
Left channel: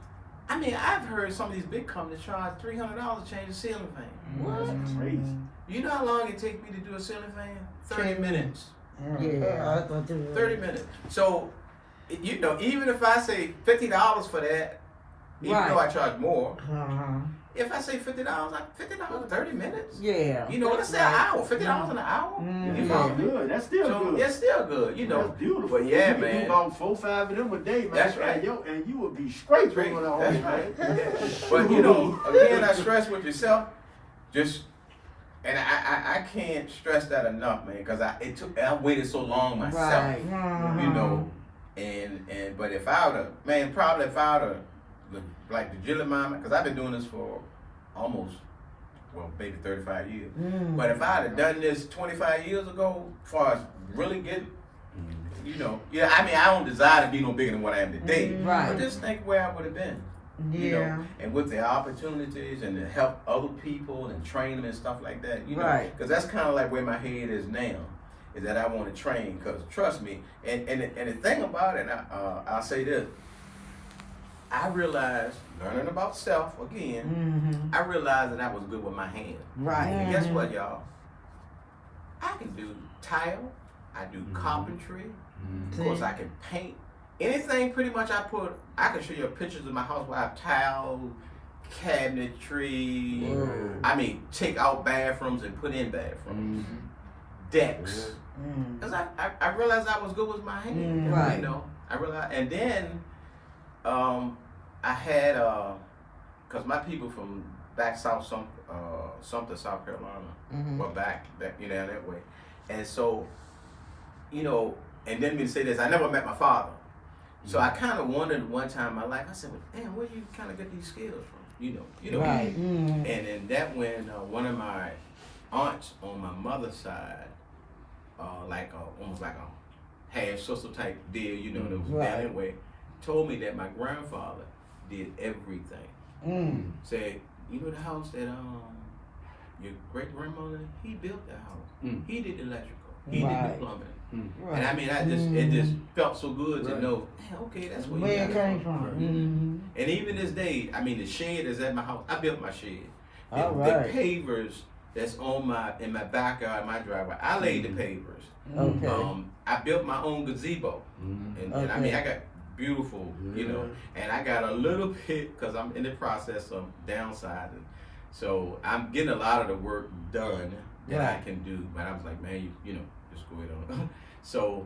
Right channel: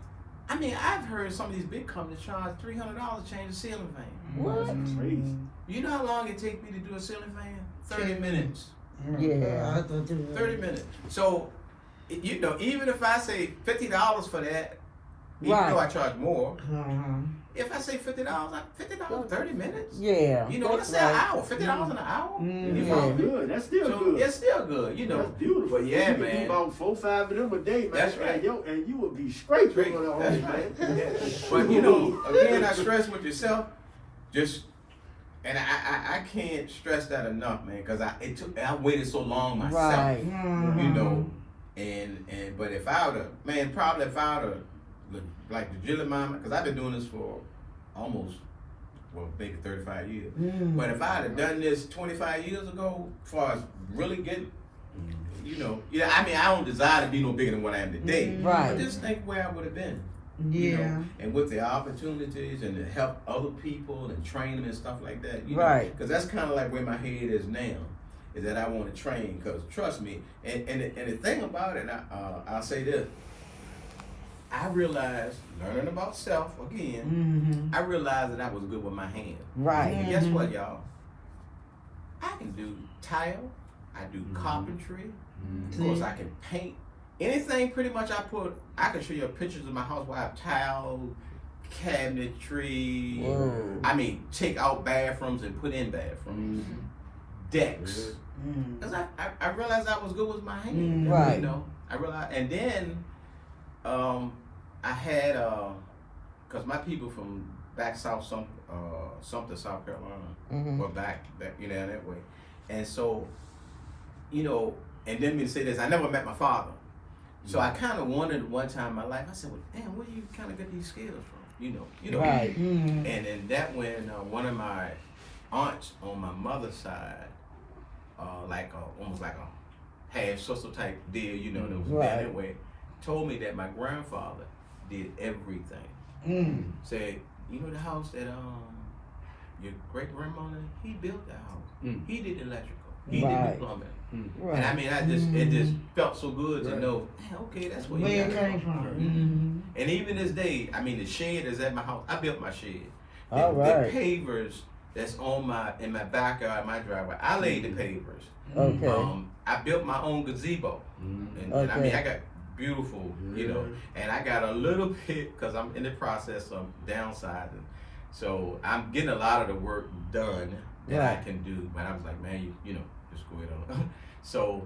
I've heard some of these big companies charge $300 to change the ceiling fan. What? that's crazy. You know how long it takes me to do a ceiling fan? 30 minutes. Yeah. I thought you 30 minutes. So, even if I say $50 for that, even Right. though I charge more, Uh-huh. if I say $50, $50 30 minutes. Yeah. You know, let's say an hour, $50 an hour. Mm, You That's follow me? good. That's still So good. it's still good, you know. That's beautiful. But yeah, you can man. do about 4-5 of them a day, man. That's right. And you would be straight Straight. going on. That's right. But again, I stress with yourself, and I can't stress that enough, man, because I waited so long myself, Right. you know, but if I would have, like legitimize, because I've been doing this for almost, maybe 35 years. Mm. But if I had done this 25 years ago, as far as really getting, I don't desire to be no bigger than what I am today. Right. But just think where I would have been. You Yeah. know, and with the opportunities and to help other people and train them and stuff like that, you know, Right. because that's kind of like where my head is now, is that I want to train. Because trust me, and the thing about it, I'll say this, I realized learning about self again. Mm-hmm. I realized that I was good with my hands. Right. And guess what, y'all? I can do tile. I do carpentry. Of course, I can paint. Anything pretty much I can show you pictures of my house where I have tile, cabinetry. Whoa. Take out bathrooms and put in bathrooms. Decks. Mm. Because I realized I was good with my hands. Right. You know, I realized, and then I had, because my people from back south, Sumter, South Carolina, were back, that way. And so, and then me say this, I never met my father. So I kind of wondered one time in my life, I said, well, damn, where do you kind of get these skills from? Right. And then that when one of my aunts on my mother's side, almost like a half sister type deal, that was down that way, told me that my grandfather did everything. Mm. Said, the house that your great grandmother, he built the house. He did the electrical. He did Right. the plumbing. Right. And it just felt so good to know, man, okay, that's where you Where got it it came from. from. And even this day, the shed is at my house. I built my shed. All The right. pavers that's in my backyard, my driveway, I laid the pavers. Okay. I built my own gazebo. And I got beautiful, and I got a little bit, because I'm in the process of downsizing. So I'm getting a lot of the work done that I can do. But I was like, man, just go ahead on. So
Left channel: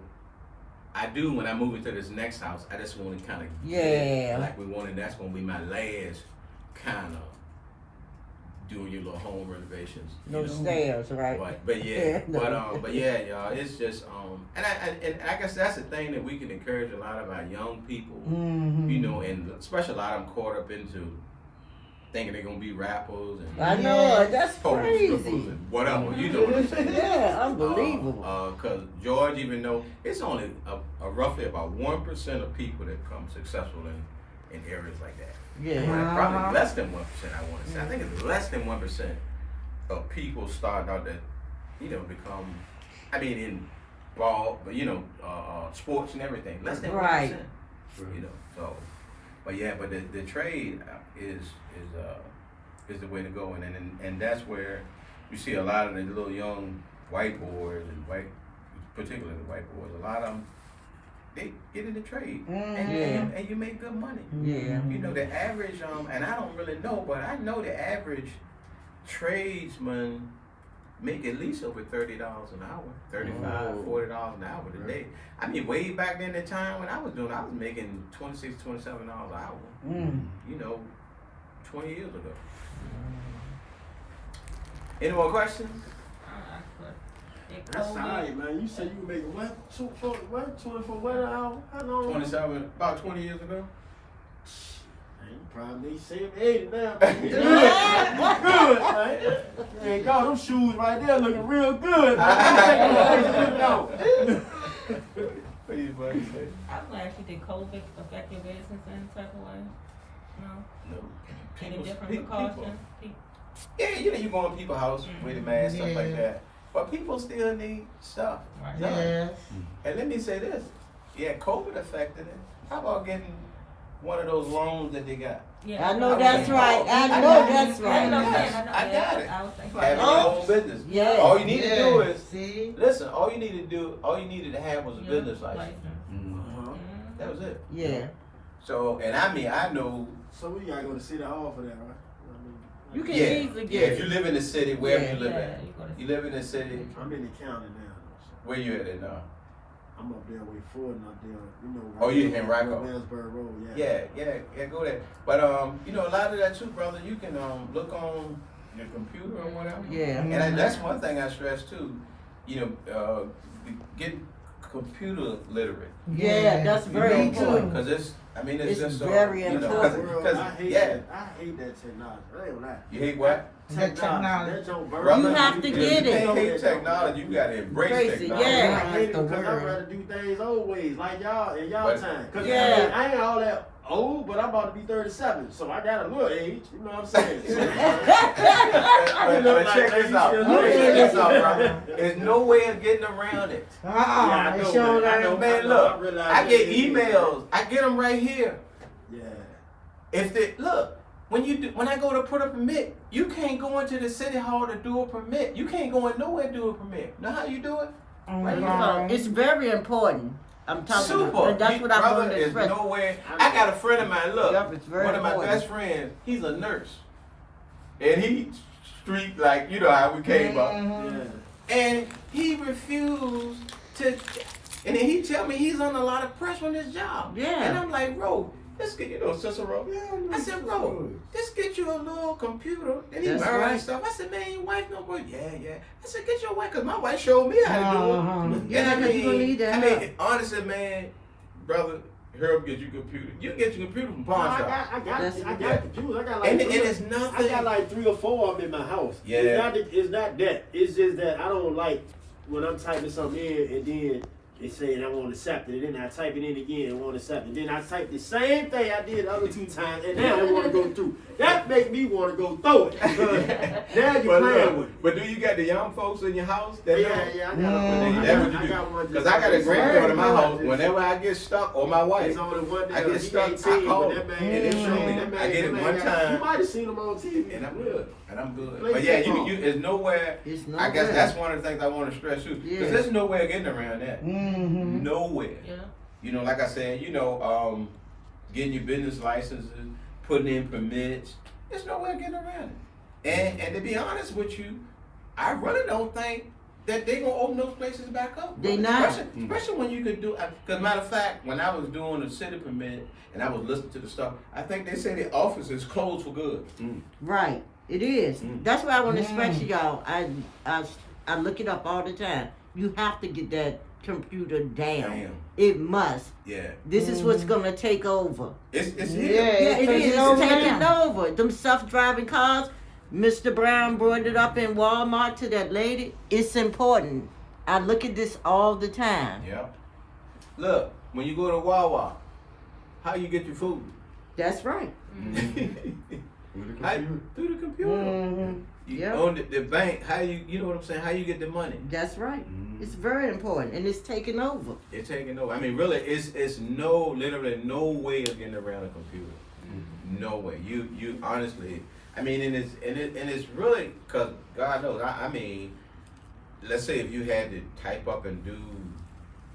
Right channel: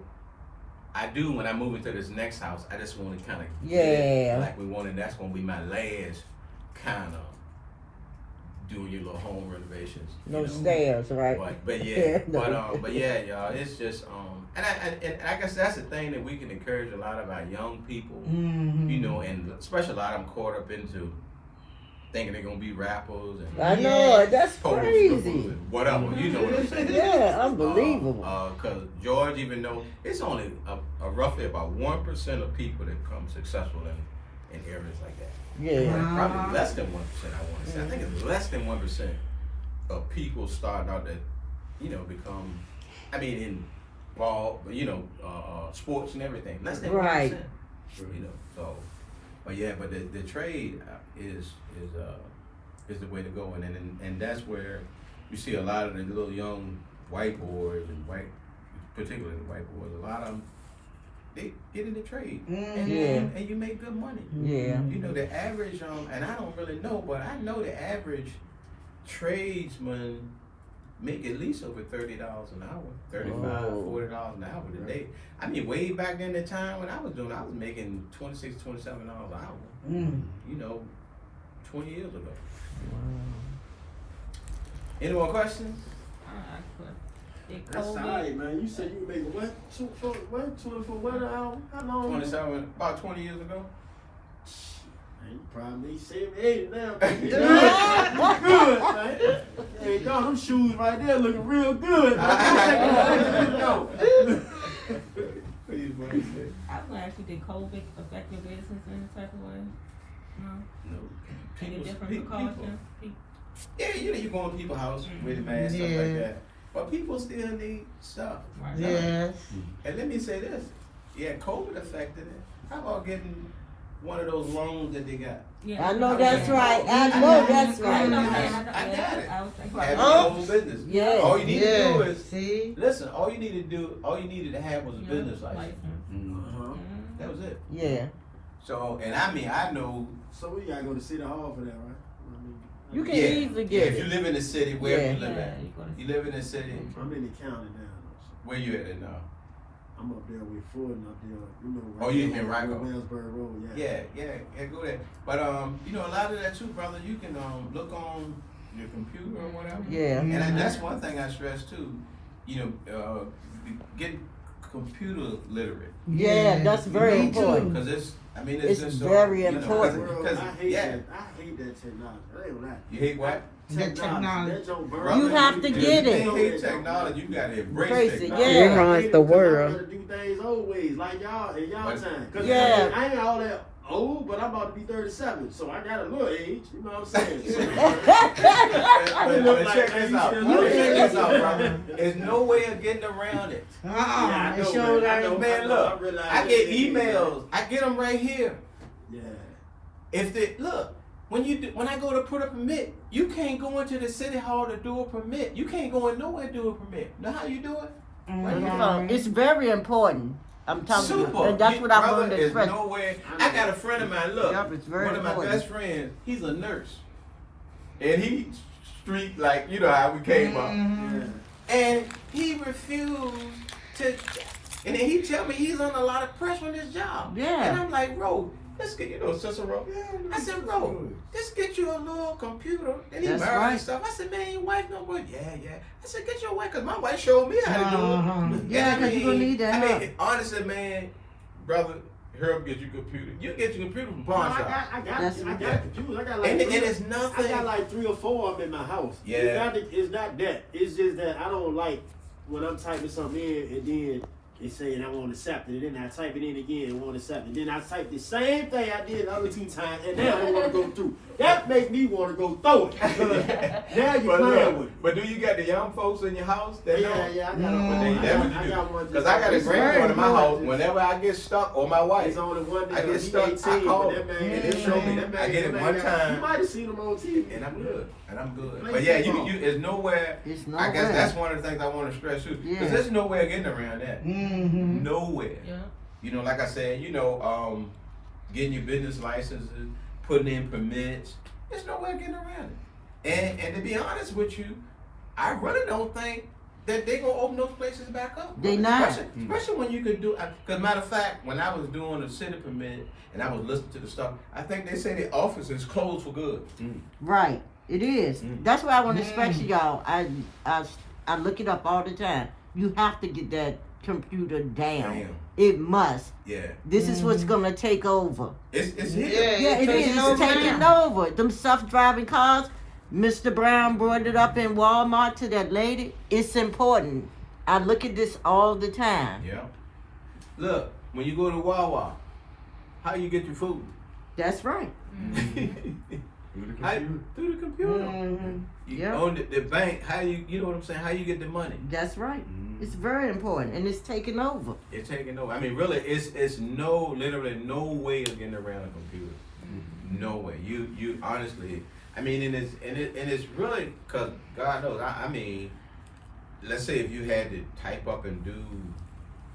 I do, when I move into this next house, I just want to kind of that's going to be my last kind of doing your little home renovations. No stairs, right? But yeah, but yeah, y'all, it's just and I guess that's the thing that we can encourage a lot of our young people, and especially a lot of them caught up into thinking they're gonna be rappers and I know, that's crazy. and whatever, you know what I'm saying? Yeah, unbelievable. Because George, even though it's only roughly about 1% of people that become successful in areas like that. Yeah. Right? Probably less than 1%, I want to say. I think it's less than 1% of people starting out that, become, in ball, sports and everything. Less than 1%. Right. So. But yeah, but the trade is the way to go, and that's where you see a lot of the little young white boys and particularly the white boys. A lot of them, they get in the trade, and you make good money. Yeah. You know, the average, and I don't really know, but I know the average tradesman make at least over $30 an hour, $35, $40 an hour today. I mean, way back in the time when I was making $26, $27 an hour. You know, 20 years ago. Any more questions? That's alright, man. You said you were making what? 24 what an hour? How long? 27, about 20 years ago. Man, you probably made 7, 8 now. Good, man. Man, y'all, them shoes right there looking real good. What do you buddy say? I was actually, did COVID affect your business in any type of way? No? No. Any People's- different people- precautions? Yeah, you know, you go in people's house with a mask, stuff like Yeah. that. But people still need stuff. Right. Yes. And let me say this. Yeah, COVID affected it. How about getting one of those loans that they got? Yeah, I know that's right. I know that's Right. right. I got it. I was thinking Having about your own business. Yeah. All you need to do is, See? listen, all you needed to have was a Yeah, business license. That was it. Yeah. So, and I mean, I know. So we gotta go to City Hall for that, right? You can Yeah, easily yeah. get If you it. live in the city, wherever Yeah. you live Yeah, at, you gotta- you live in the city. I'm in the county now. Where you at now? I'm up there with Ford and up there, you know. Oh, you in Rocco? Mansburg Road, Yeah, go there. But you know, a lot of that too, brother. You can look on your computer or whatever. Yeah. And that's one thing I stress too. You know, get computer literate. Yeah, that's very Me too. important. Because it's It's just so, very you know, important. Because I hate yeah, that. I hate that technology. I ain't gonna lie. you hate what? The technology. That don't burn. Brother, You have to if get you it. can't hate technology, you gotta embrace Embrace it, technology. yeah. I hate it the 'cause I'm world. trying to do things old ways, like y'all in y'all But- time. Cause Yeah. I ain't all that old, but I'm about to be 37, so I got a little age. You know what I'm saying? But check this out. Check this out, brother. There's no way of getting around it. I It know, sure man. I know. ain't. Man, look, realize I get that. emails. I get them right here. Yeah. If they look, when I go to put a permit, you can't go into the city hall to do a permit. You can't go in nowhere to do a permit. Know how you do it? So it's very important. I'm talking Super. about. And that's what I Brother, wanted to there's express. no way. I got a friend of mine. Look, Yup, it's very one of my important. best friends. He's a nurse, and he street like you know how we came up, Yeah. and he refused to. And then he tell me he's under a lot of pressure on his job. Yeah. And I'm like, bro, let's get Cicero. I said, bro, just get you a little computer. And he That's married right. and stuff. I said, man, your wife no good. Yeah. I said, get your wife, cause my wife showed me how to do it. And Yeah, I 'cause you gonna need that I mean, help. honestly, man, brother, Herb get you a computer. You get your computer from pawn shop. I got That's computers. I got like And three- it's I nothing. got like 3 or 4 of them in my house. Yeah. It's not that. It's just that I don't like when I'm typing something in and then it's saying I want to accept it, and then I type it in again and want to accept it. Then I type the same thing I did the other 2 times, and now I want to go through. That make me want to go through it. Because now you're But playing look, with it. but do you got the young folks in your house? That Yeah, know? I got Well, then I that's what got you do. one. Because I got a granddaughter in my house. Whenever I get stuck, or my wife, It's only one I that get he stuck, 18, I call but him, that man, and they show me. that man- I get it that one man got- time. You might have seen him on TV. and I'm good. And I'm good. Play But yeah, football. you there's nowhere. It's no I guess good. that's one of the things I want to stress too. Because Yeah. there's no way of getting around that. Mm-hmm. Nowhere. Yeah. You know, like I said, getting your business licenses, putting in permits. There's no way of getting around it. And to be honest with you, I really don't think that they gonna open those places back up. They not. Especially when you could do. Because matter of fact, when I was doing the city permit and I was listening to the stuff, I think they say the office is closed for good. Right. It is. That's why I want to express to Mm. y'all. I look it up all the time. You have to get that computer down. Damn. It must. Yeah. This is what's gonna take over. It's here. Yeah, it is. It's It's taking down. over. Them self-driving cars. Mr. Brown brought it up in Walmart to that lady. It's important. I look at this all the time. Yeah. Look, when you go to Wawa, how you get your food? That's right. Through the computer. Mm-hmm. You Yep. own the bank. How you know what I'm saying? How you get the money? That's right. Mhm. It's very important, and it's taking over. It's taking over. I mean, really, it's literally no way of getting around a computer. No way. You honestly. I mean, and it's really because God knows. I mean, let's say if you had to type up and do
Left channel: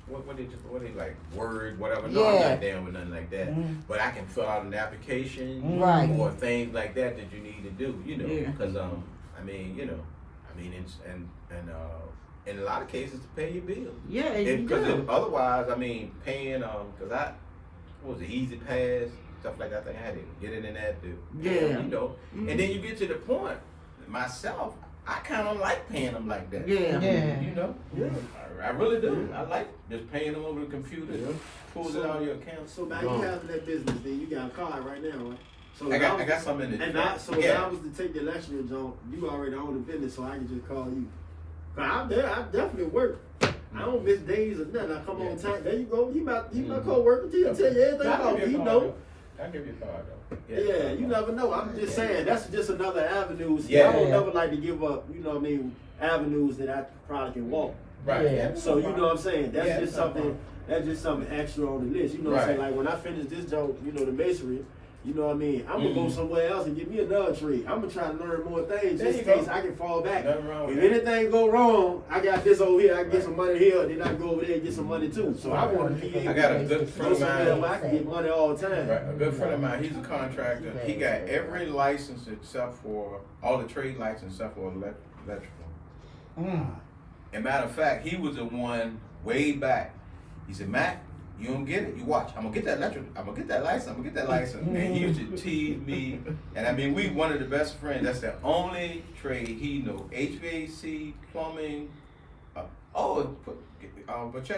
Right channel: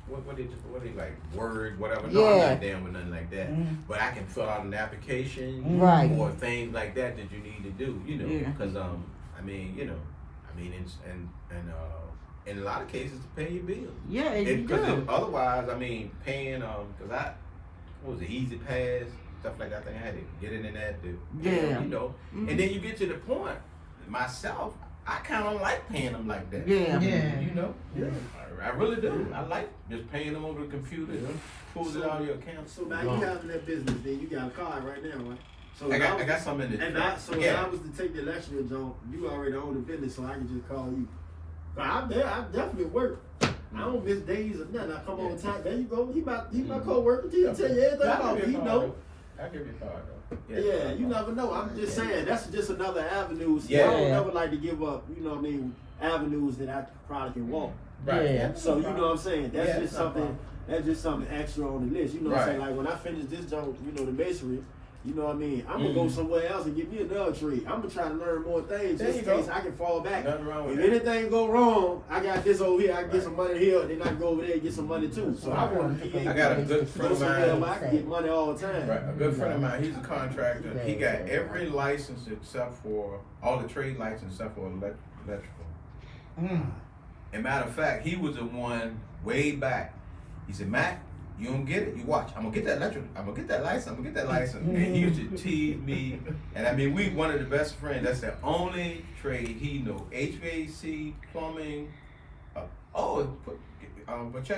what they like Word, whatever. No, I'm Yeah. not down with nothing like that. But I can fill out an application Right. or things like that you need to do. You know, Yeah. because I mean, it's, and in a lot of cases to pay your bills. Yeah, you Because do. otherwise, I mean, paying because what was it, Easy Pass, stuff like that. I think I had to get in that to Yeah. you know. Mhm. And then you get to the point, myself, I kind of like paying them like that. Yeah. Yeah. You know, I really do. I like just paying them over the computer, pulls it out of your account. So now you having that business, then you got a car right now, right? So I if got was- I got some in the And truck. so if I was to take the Electrician job, you already own the business, so I can just call you. But I'm there. I definitely work. I don't miss days or nothing. I come on time. There you go. He my co-worker. He'll tell you everything about me. He know. I'll give you a card though. Yeah, you never know. I'm just saying that's just another avenue. See, Yeah. I don't never like to give up. You know what I mean? Avenues that I probably can walk. Right. Yeah. So you know what I'm saying? That's Yeah, just it's not a something. problem. That's just something extra on the list. You know what I'm saying? Right. Like when I finish this job, you know, the masonry. You know what I mean? I'm gonna go somewhere else and get me another trade. I'm gonna try to learn more things There just in you case go. I can fall back. Nothing wrong If with that. anything go wrong, I got this over here. I can get some money here. Then I can go over there and get some money too. So I want to be I got a good friend go of somewhere mine. where I can get money all the time. Right, a good friend of mine, he's a contractor. He got every license except for all the trade license except for electrical. And matter of fact, he was the one way back. He said, Mac, you don't get it. You watch. I'm gonna get that electric. I'm gonna get that license. I'm gonna get that license. And he used to tease me. And I mean, we one of the best friends. That's the only trade he know. HVAC, plumbing. But check